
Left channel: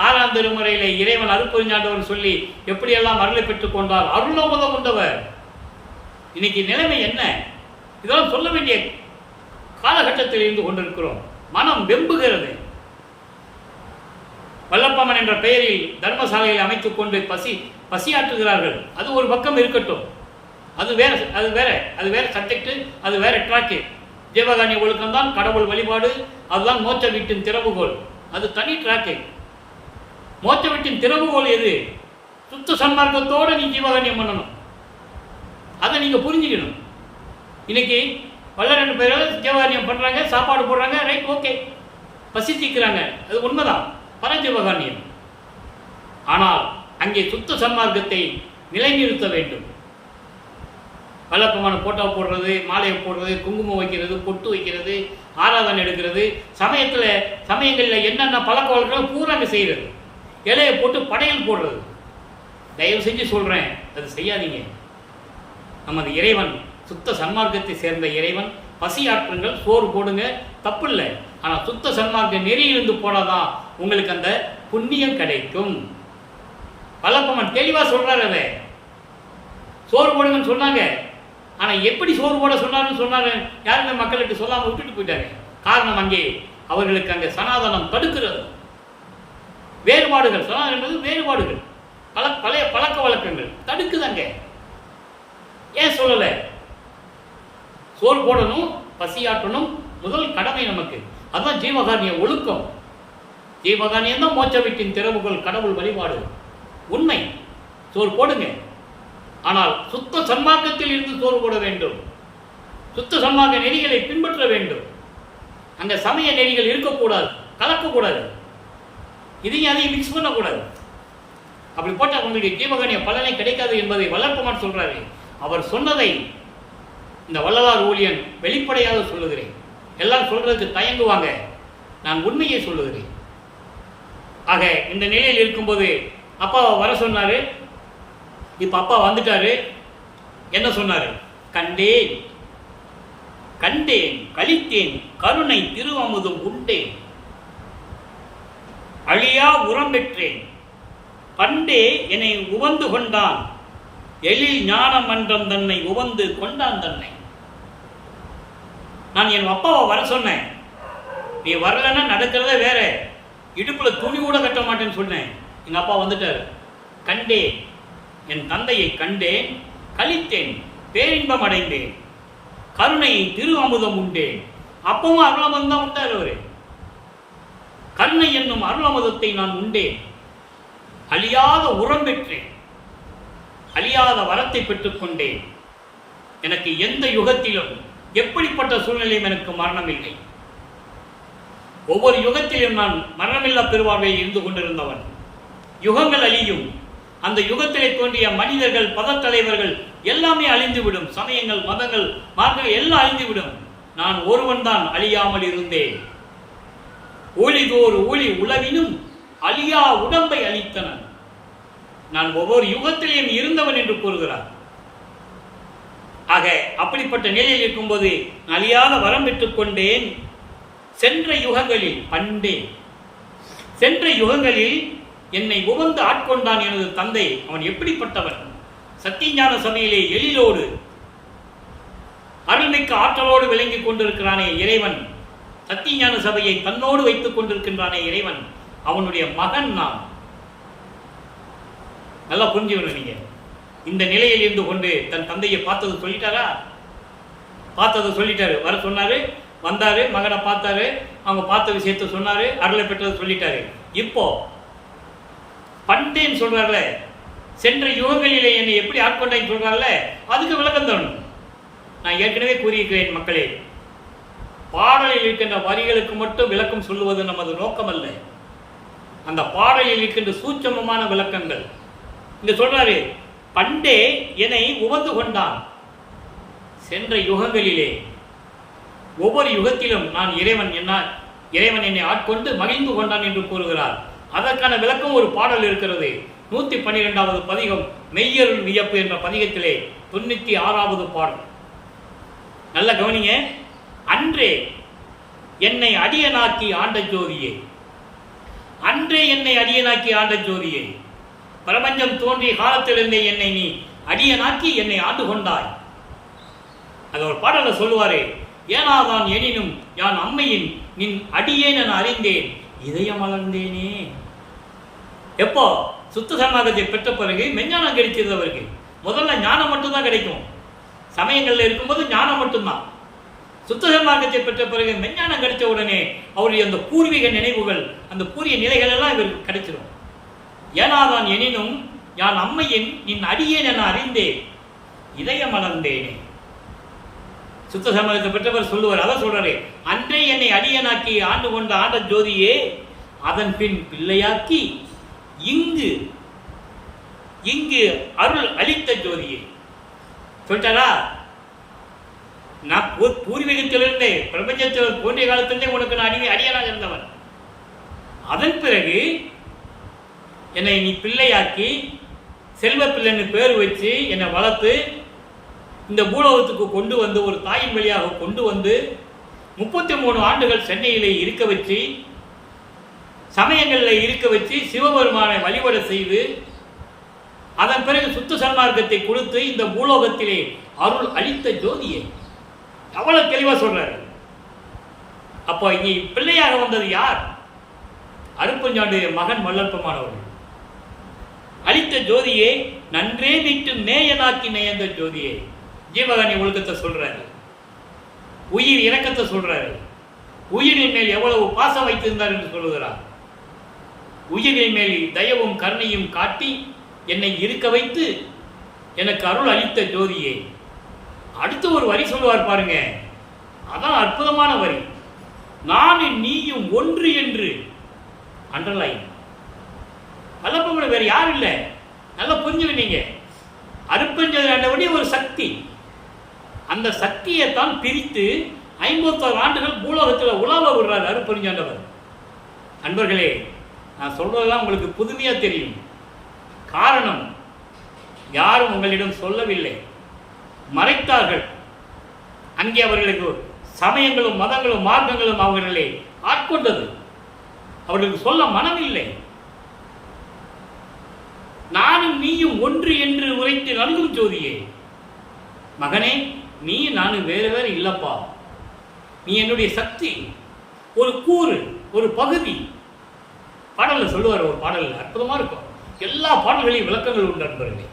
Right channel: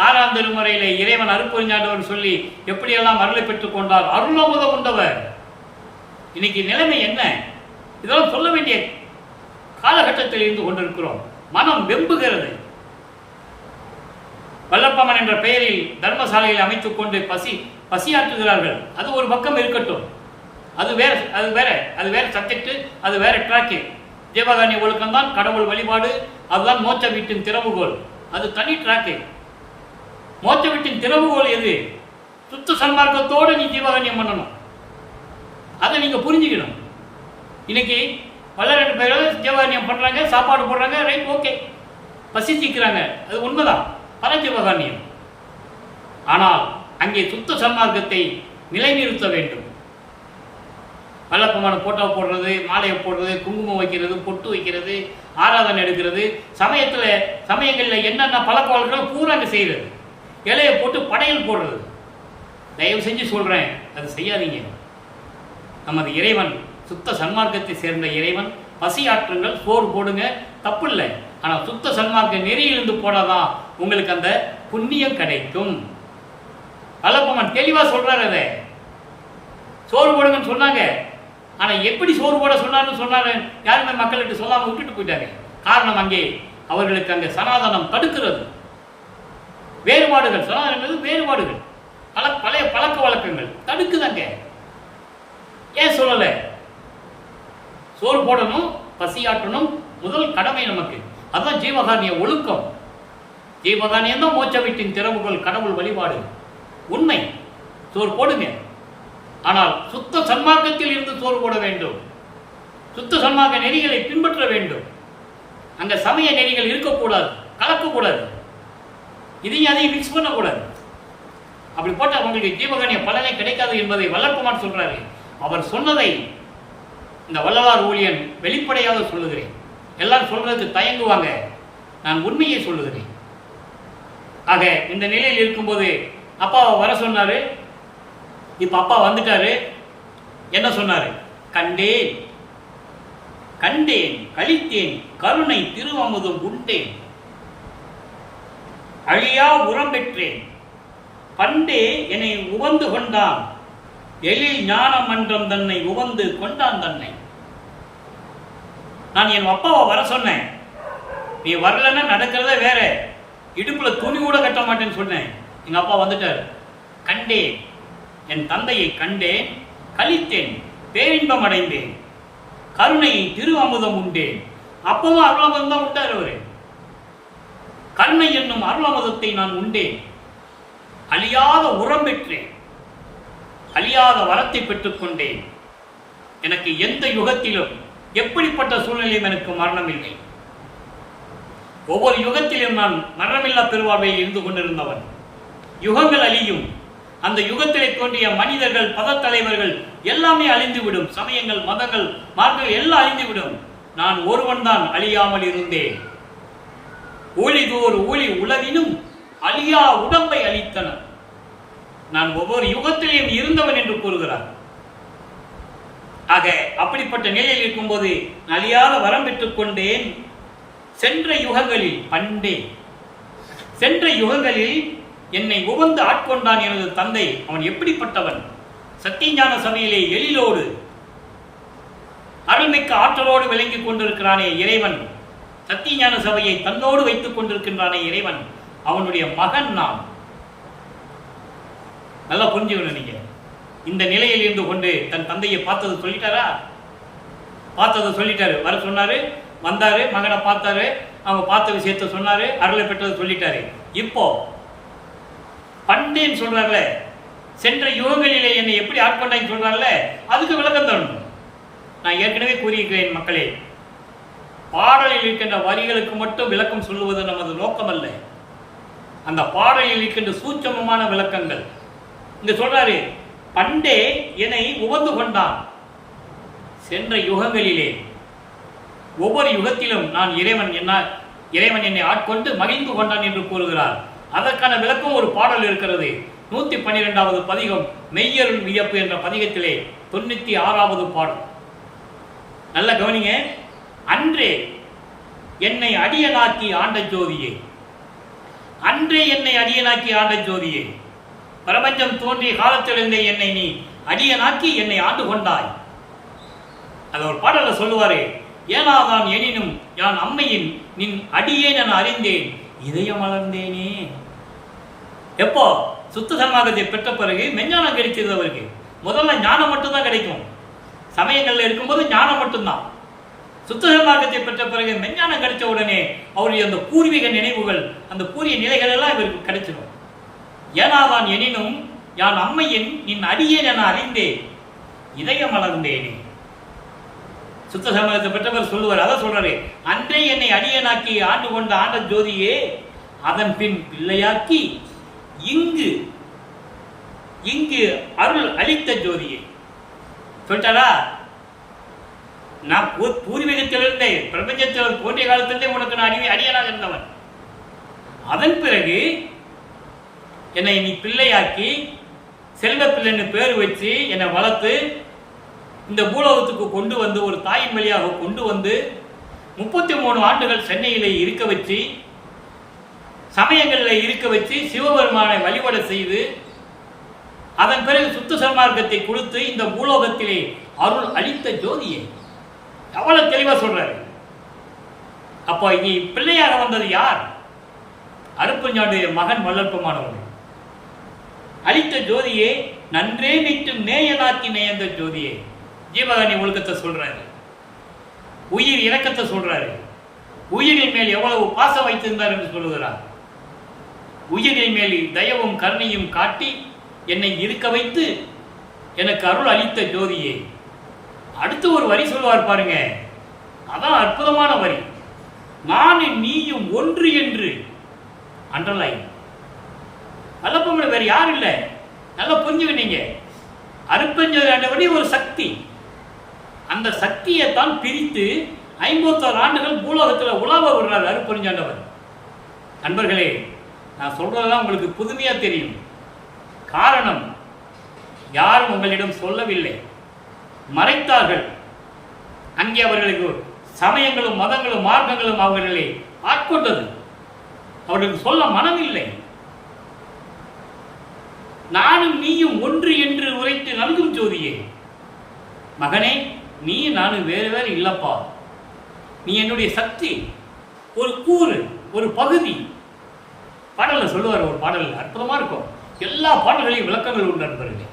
6ஆம் திருமுறையிலே இறைவன் அருட்பெருஞ்சாண்டவன் சொல்லி எப்படியெல்லாம் அருளை பெற்றுக் கொண்டார், அருளமுதம் உண்டவர். இன்னைக்கு நிலைமை என்ன? இதெல்லாம் சொல்ல வேண்டிய காலகட்டத்தில் இருந்து கொண்டிருக்கிறோம். மனம் வெம்புகிறது. வல்லப்பம்மன் என்ற பெயரில் தர்மசாலையில் அமைத்துக் கொண்டு பசியாற்றுகிறார்கள். அது ஒரு பக்கம் இருக்கட்டும், அது வேற சப்ஜெக்ட், அது வேற ட்ராக்கு. ஜீவகாருண்ய ஒழுக்கம் தான் கடவுள் வழிபாடு, அதுதான் மோட்ச வீட்டின் திறவுகோல், அது தனி ட்ராக்கு. மோட்ச வீட்டின் திறவுகோல் எது? சுத்த சன்மார்க்கத்தோடு நீ ஜீவகாருண்யம் பண்ணணும். அதை நீங்க புரிஞ்சுக்கணும். இன்னைக்கு பல 2 பேரும் ஜீவகாருண்யம் பண்றாங்க, சாப்பாடு போடுறாங்க, ரைட், ஓகே, பசி தீக்கிறாங்க, அது உண்மைதான், பல ஜீவகாருண்யம். ஆனால் அங்கே சுத்த சன்மார்க்கத்தை நிலைநிறுத்த வேண்டும். வல்லப்பம்மன் போட்டோ போடுறது, மாலையை போடுறது, குங்குமம் வைக்கிறது, பொட்டு வைக்கிறது, ஆராதனை எடுக்கிறது, சமயங்களில் என்னென்ன பழக்க வழக்கங்கள் பூரா அங்கே செய்கிறது, இலையை போட்டு படையல் போடுறது. தயவு செஞ்சு சொல்கிறேன், அது செய்யாதீங்க. நமது இறைவன் சுத்த சன்மார்க்கத்தை சேர்ந்த இறைவன். பசியாற்றுங்கள், சோறு போடுங்க, தப்பு இல்லை. ஆனால் சுத்த சன்மார்க்க நெறியிலிருந்து போடாதான் உங்களுக்கு அந்த புண்ணியம் கிடைக்கும். வல்லப்பம்மன் தெளிவாக சொல்றாரு. அதை சோறு போடுங்கன்னு சொன்னாங்க. ஆனால் எப்படி சோறு போட சொன்னாரு யாருமே மக்கள்கிட்ட சொல்லாமல் விட்டுட்டு போயிட்டாங்க. காரணம், அங்கே அவர்களுக்கு அங்கே சனாதனம் தடுக்கிறது. வேறுபாடுகள், சனாதனம் என்பது வேறுபாடுகள், பழைய பழக்க வழக்கங்கள் தடுக்குதாங்க. ஏன் சொல்லலை? சோறு போடணும், பசியாற்றணும், முதல் கடமை நமக்கு. அதுதான் ஜீவகாருண்ய ஒழுக்கம். ஜீவகாருண்யம் தான் மோட்ச வீட்டின் திறவுகள், கடவுள் வழிபாடு. உண்மை. சோறு போடுங்க, ஆனால் சுத்த சன்மார்க்கத்தில் இருந்து சோறு போட வேண்டும். சுத்த சன்மார்க்க நெறிகளை பின்பற்ற வேண்டும். அங்க சமய நெறிகள் இருக்கக்கூடாது, கலக்கக்கூடாது, இதையும் அதையும் மிக்ஸ் பண்ணக்கூடாது. அப்படி போட்டால் உங்களுக்கு ஜீவகாருண்ய பலனை கிடைக்காது என்பதை வல்லப்பம்மன் சொல்றாரு. அவர் சொன்னதை இந்த வள்ளலார் ஊழியன் வெளிப்படையாக சொல்லுகிறேன். எல்லாரும் சொல்றதுக்கு தயங்குவாங்க, நான் உண்மையை சொல்லுகிறேன். ஆக இந்த நிலையில் இருக்கும்போது அப்பாவை வர சொன்னாரு. இப்ப அப்பா வந்துட்டாரு. என்ன சொன்னாரு? கண்டேன் கண்டேன் கழித்தேன் கருணை திருவமுதும் உண்டேன், அழியா உரம் பெற்றேன், பண்டே என்னை உவந்து கொண்டான், எழில் ஞான மன்றம் தன்னை உவந்து கொண்டான் தன்னை. நான் என் அப்பாவை வர சொன்னேன். நீ வரலன்னா நடக்கிறதே வேற, இடுப்புல துணி கூட கட்ட மாட்டேன்னு சொன்னேன். எங்க அப்பா வந்துட்டார். கண்டேன், என் தந்தையை கண்டேன், கழித்தேன், பேரின்பம் அடைந்தேன், கருணையை திரு அமுதம் உண்டேன். அப்பவும் அருளமுதம் தான் உண்டார் அவரு. கருணை என்னும் அருளமுதத்தை நான் உண்டேன், அழியாத உரம் பெற்றேன், அழியாத வரத்தை பெற்றுக்கொண்டேன். எனக்கு எந்த யுகத்திலும் எப்படிப்பட்ட சூழ்நிலையும் எனக்கு மரணம் இல்லை. ஒவ்வொரு யுகத்திலும் நான் மரணமில்லா பெருவாழ்வையில் இருந்து கொண்டிருந்தவன். யுகங்கள் அழியும், அந்த யுகத்திலே தோன்றிய மனிதர்கள், பதத்தலைவர்கள் எல்லாமே அழிந்துவிடும். சமயங்கள், மதங்கள், மார்க்கங்கள் எல்லாம் அழிந்துவிடும். நான் ஒருவன் தான் அழியாமல் இருந்தேன். ஒளிதோர் ஒளி உலவினும் அழியா உடம்பை அளித்தனர். நான் ஒவ்வொரு யுகத்திலேயும் இருந்தவன் என்று கூறுகிறார். ஆக அப்படிப்பட்ட நிலையில் இருக்கும்போது அழியாத வரம் பெற்றுக் கொண்டேன். சென்ற யுகங்களில் பண்டே சென்ற யுகங்களில் என்னை உவந்து ஆட்கொண்டான் எனது தந்தை. அவன் எப்படிப்பட்டவன்? சத்தியஞான சபையிலே எழிலோடு அருள்மிக்க ஆற்றலோடு விளங்கிக் கொண்டிருக்கிறானே இறைவன். சத்தியஞான சபையை தன்னோடு வைத்துக் கொண்டிருக்கின்றானே இறைவன். அவனுடைய மகன் நான். நல்லா புரிஞ்சுக்கணும். நீங்க இந்த நிலையில் இருந்து கொண்டு தன் தந்தையை பார்த்தது சொல்லிட்டாரா? பார்த்ததை சொல்லிட்டாரு. வர சொன்னாரு, வந்தாரு, மகனை பார்த்தாரு, அவங்க பார்த்த விஷயத்த சொன்னாரு, அருளை பெற்றதை சொல்லிட்டாரு. இப்போ பண்டேன்னு சொல்றாருல, சென்ற யுகங்களிலே என்னை எப்படி ஆட்கொண்டான்னு சொல்றாருல, அதுக்கு விளக்கம் தரணும். நான் ஏற்கனவே கூறியிருக்கிறேன் மக்களே, பாடலில் இருக்கின்ற வரிகளுக்கு மட்டும் விளக்கம் சொல்லுவது நமது நோக்கம் அல்ல. அந்த பாடலில் இருக்கின்ற சூட்சமமான விளக்கங்கள் இங்க சொல்றாரு. பண்டே என்னை உவந்து கொண்டான். சென்ற யுகங்களிலே ஒவ்வொரு யுகத்திலும் நான் இறைவன் என்னை ஆட்கொண்டு மகிழ்ந்து கொண்டான் என்று கூறுகிறார். அதற்கான விளக்கம் ஒரு பாடல் இருக்கிறது. 112வது பதிகம் மெய்யருள் வியப்பு என்ற பதிகத்திலே 96வது பாடல். நல்ல கவனிங்க. அன்றே என்னை அடியனாக்கி ஆண்ட ஜோதியே, அன்றே என்னை அடியனாக்கி ஆண்ட ஜோதியே, பிரபஞ்சம் தோன்றிய காலத்திலிருந்தே என்னை நீ அடியனாக்கி என்னை ஆண்டு கொண்டாய். அது ஒரு பாடல சொல்லுவாரு. ஏனாதான் எனினும் யான் அம்மையின் நின் அடியேன் என அறிந்தேன், இதயம் மலர்ந்தேனே. எப்போ சுத்த சமாகத்தை பெற்ற பிறகு மெஞ்ஞானம் கிடைச்சது அவருக்கு. முதல்ல ஞானம் மட்டும்தான் கிடைக்கும். சமயங்கள்ல இருக்கும்போது ஞானம் மட்டும்தான். சுத்த சமாகத்தை பெற்ற பிறகு மெஞ்ஞானம் கிடைச்ச உடனே அவருடைய அந்த பூர்வீக நினைவுகள், அந்த பூரிய நிலைகள் எல்லாம் இவருக்கு கிடைச்சிடும். ஏனாதான் எனினும் யான் அம்மையின் நின் அடியேன் என அறிந்தேன், இதயம் மலர்ந்தேனே. சுத்த சமூகத்தை பெற்றவர் சொல்லுவார். அதான் சொல்றாரு. அன்றே என்னை அடியனாக்கி ஆண்டு கொண்ட ஆண்ட ஜோதியே, அதன் பின் பிள்ளையாக்கி இங்கு இங்கு அருள் அளித்த ஜோதியே. சொல்லிட்டாரா? நான் பூர்வீகத்திலிருந்தே பிரபஞ்சத்தில் தோன்றிய காலத்திலிருந்தே உனக்கு நான் அடியனாக இருந்தவன். அதன் பிறகு என்னை நீ பிள்ளையாக்கி செல்வ பிள்ளைன்னு பேர் வச்சு என்னை வளர்த்து இந்த பூலோகத்துக்கு கொண்டு வந்து ஒரு தாயின் வழியாக கொண்டு வந்து 33 ஆண்டுகள் சென்னையிலே இருக்க வச்சு, சமயங்களில் இருக்க வச்சு, சிவபெருமானை வழிபட செய்து, அதன் பிறகு சுத்த சன்மார்க்கத்தை கொடுத்து இந்த பூலோகத்திலே அருள் அளித்த ஜோதியை எவ்வளவு தெளிவா சொல்றாரு. அப்போ இங்கே பிள்ளையாக வந்தது யார்? அருப்பஞ்சாண்டுடைய மகன் வல்லற்பமானவர்கள். அளித்த ஜோதியே, நன்றே மீட்டு நேயனாக்கி நேயந்த ஜோதியே. ஜீவகாணி ஒழுக்கத்தை சொல்றாரு, உயிர் இரக்கத்தை சொல்றாரு, உயிரின் மேல் எவ்வளவு பாசம் வைத்திருந்தார் என்று சொல்லுகிறார். உயிரின் மேல் தயவும் கருணையும் காட்டி என்னை இருக்க வைத்து எனக்கு அருள் அளித்த ஜோதியே. அடுத்து ஒரு வரி சொல்லுவார் பாருங்க, அதான் அற்புதமான வரி. நானும் நீயும் ஒன்று என்று அண்டர்லைன். வல்லப்பமலை வேறு யாரும் இல்லை. நல்லா புரிஞ்சுக்கிட்டீங்க. அருப்பஞ்சடி ஒரு சக்தி. அந்த சக்தியைத்தான் பிரித்து 51 ஆண்டுகள் பூலோகத்தில் உலாவ விடுறாரு அருப்பெருஞ்சாண்டவர். நண்பர்களே, நான் சொல்றதெல்லாம் உங்களுக்கு புதுமையா தெரியும். காரணம், யாரும் உங்களிடம் சொல்லவில்லை, மறைத்தார்கள். அங்கே அவர்களுக்கு சமயங்களும் மதங்களும் மார்க்கங்களும் அவர்களை ஆட்கொண்டது. அவர்களுக்கு சொல்ல மனமில்லை. நானும் நீயும் ஒன்று என்று உரைத்து நல்கும் ஜோதியே. மகனே, நீ நானும் வேறு வேறு இல்லப்பா. நீ என்னுடைய சக்தி, ஒரு கூறு, ஒரு பகுதி. பாடல்ல சொல்லுவார். ஒரு பாடல் அற்புதமா இருக்கும். எல்லா பாடல்களையும் விளக்கங்கள் உண்டு நண்பர்களே.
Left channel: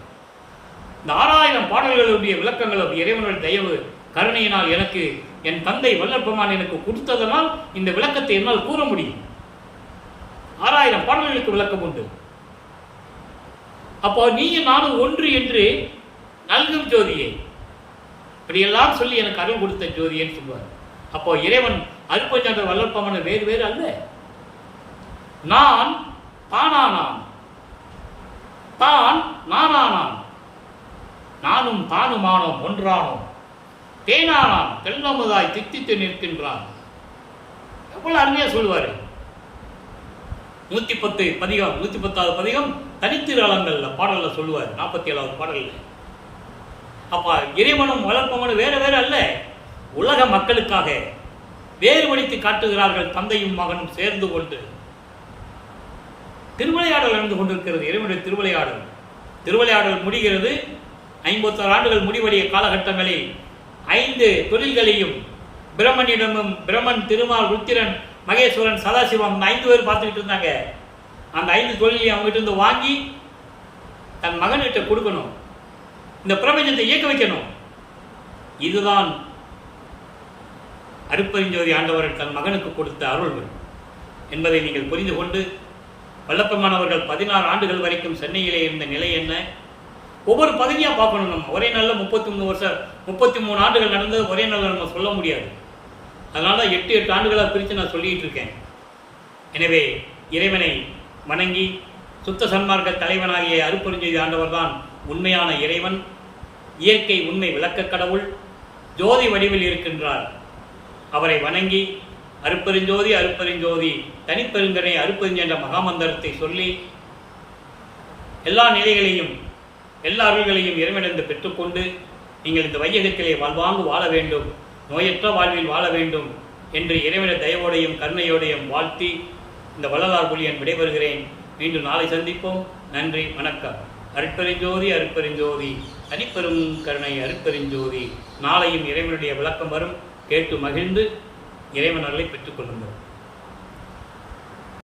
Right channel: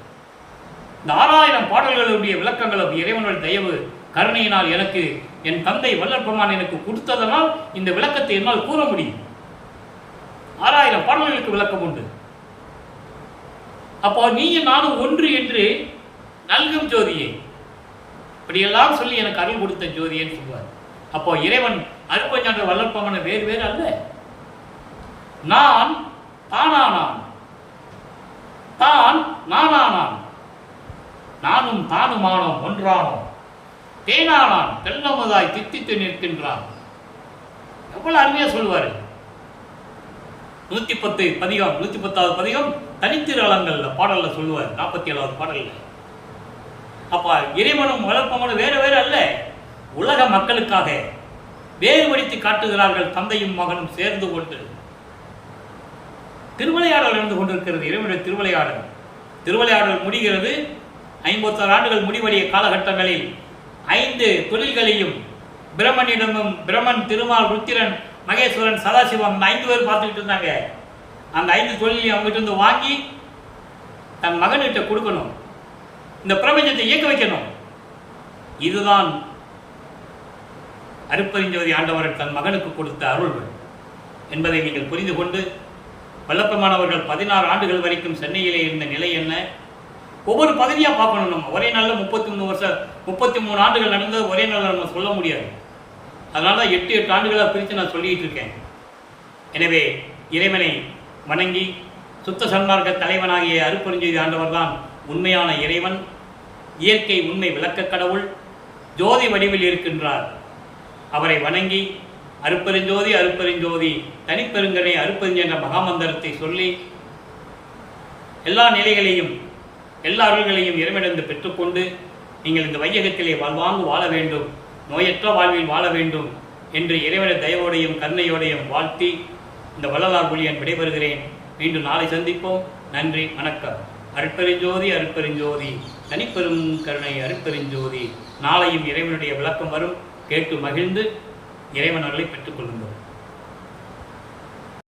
இந்த 6000 பாடல்களுடைய விளக்கங்களும் இறைவனுடைய தயவு கருணையினால் எனக்கு என் தந்தை வல்லற்பெருமான் எனக்கு கொடுத்ததனால் இந்த விளக்கத்தை என்னால் கூற முடியும். 6000 பாடல்களுக்கு விளக்கம் உண்டு. அப்போ நீயும் நானும் ஒன்று என்று நல்கும் ஜோதியே, இப்படியெல்லாம் சொல்லி எனக்கு அருள் கொடுத்த ஜோதியேன்னு சொல்வார். அப்போ இறைவன் அருப்பஞ்சாண்டவர் வல்லற்பெருமான் வேறு வேறு அல்ல. நான் தானானான், தான் நானானான், நானும் தானுமானோம் ஒன்றானோம், தேனானான் தெல்லமுதாய் தித்தித்து நிற்கின்றான். எவ்வளவு அருமையா சொல்லுவாரு. 110 பதிகம், 110வது பதிகம் தனித்திரு அலங்கள்ல பாடல்ல சொல்லுவார். 47வது பாடல்ல அப்போ இறைவனும் வளர்ப்பவனும் வேற வேற அல்ல, உலக மக்களுக்காக வேறுபடுத்தி காட்டுகிறார்கள். தந்தையும் மகனும் சேர்ந்து கொண்டு திருவிளையாடல் நடந்து கொண்டிருக்கிறது. இறைவனுடைய திருவிளையாடல். திருவிளையாடல் முடிகிறது. 56 ஆண்டுகள் முடிவடைய காலகட்டங்களில் 5 தொழில்களையும் பிரம்மனிடமும், பிரம்மன், திருமால், ருத்திரன், மகேஸ்வரன், சதாசிவம், 5 பேர் பார்த்துக்கிட்டு இருந்தாங்க. அந்த 5 தொழிலையும் அவங்ககிட்ட இருந்து வாங்கி தன் மகன்கிட்ட கொடுக்கணும், இந்த பிரபஞ்சத்தை இயக்க வைக்கணும். இதுதான் அருட்பெருஞ்சோதி ஆண்டவர்கள் தன் மகனுக்கு கொடுத்த அருள்கள் என்பதை நீங்கள் புரிந்து கொண்டு, வல்லப்பமானவர்கள் 16 ஆண்டுகள் வரைக்கும் சென்னையிலே இருந்த நிலை என்ன, ஒவ்வொரு பகுதியாக பார்க்கணும். நம்ம ஒரே நாளில் 33 ஆண்டுகள் நடந்தது ஒரே நாளில் நம்ம சொல்ல முடியாது. அதனால தான் 8 ஆண்டுகளாக பிரித்து நான் சொல்லிகிட்டு இருக்கேன். எனவே இறைவனை வணங்கி சுத்த சன்மார்க்க தலைவனாகிய அருட்பெருஞ்சோதி ஆண்டவர் தான் உண்மையான இறைவன், இயற்கை உண்மை விளக்க கடவுள், ஜோதி வடிவில் இருக்கின்றார். அவரை வணங்கி அருட்பெருஞ்சோதி அருட்பெருஞ்சோதி தனிப்பெருங்கனை அருட்பெருஞ்சோதி என்ற மகாமந்திரத்தை சொல்லி எல்லா நிலைகளையும் எல்லா அருள்களையும் இறைவனிடம் பெற்றுக்கொண்டு நீங்கள் இந்த வையகத்திலே வாழ்வாங்கு வாழ வேண்டும், நோயற்ற வாழ்வில் வாழ வேண்டும் என்று இறைவன தயவோடையும் கருணையோடையும் வாழ்த்தி இந்த வள்ளலார் புலியன் விடைபெறுகிறேன். மீண்டும் நாளை சந்திப்போம். நன்றி, வணக்கம். அருட்பெருஞ்சோதி அருட்பெருஞ்சோதி தனிப்பெரும் கருணை அருட்பெருஞ்சோதி. நாளையும் இறைவனுடைய விளக்கம் வரும். கேட்டு மகிழ்ந்து இறைவன் அருளை பெற்றுக்கொள்ளுங்கள்.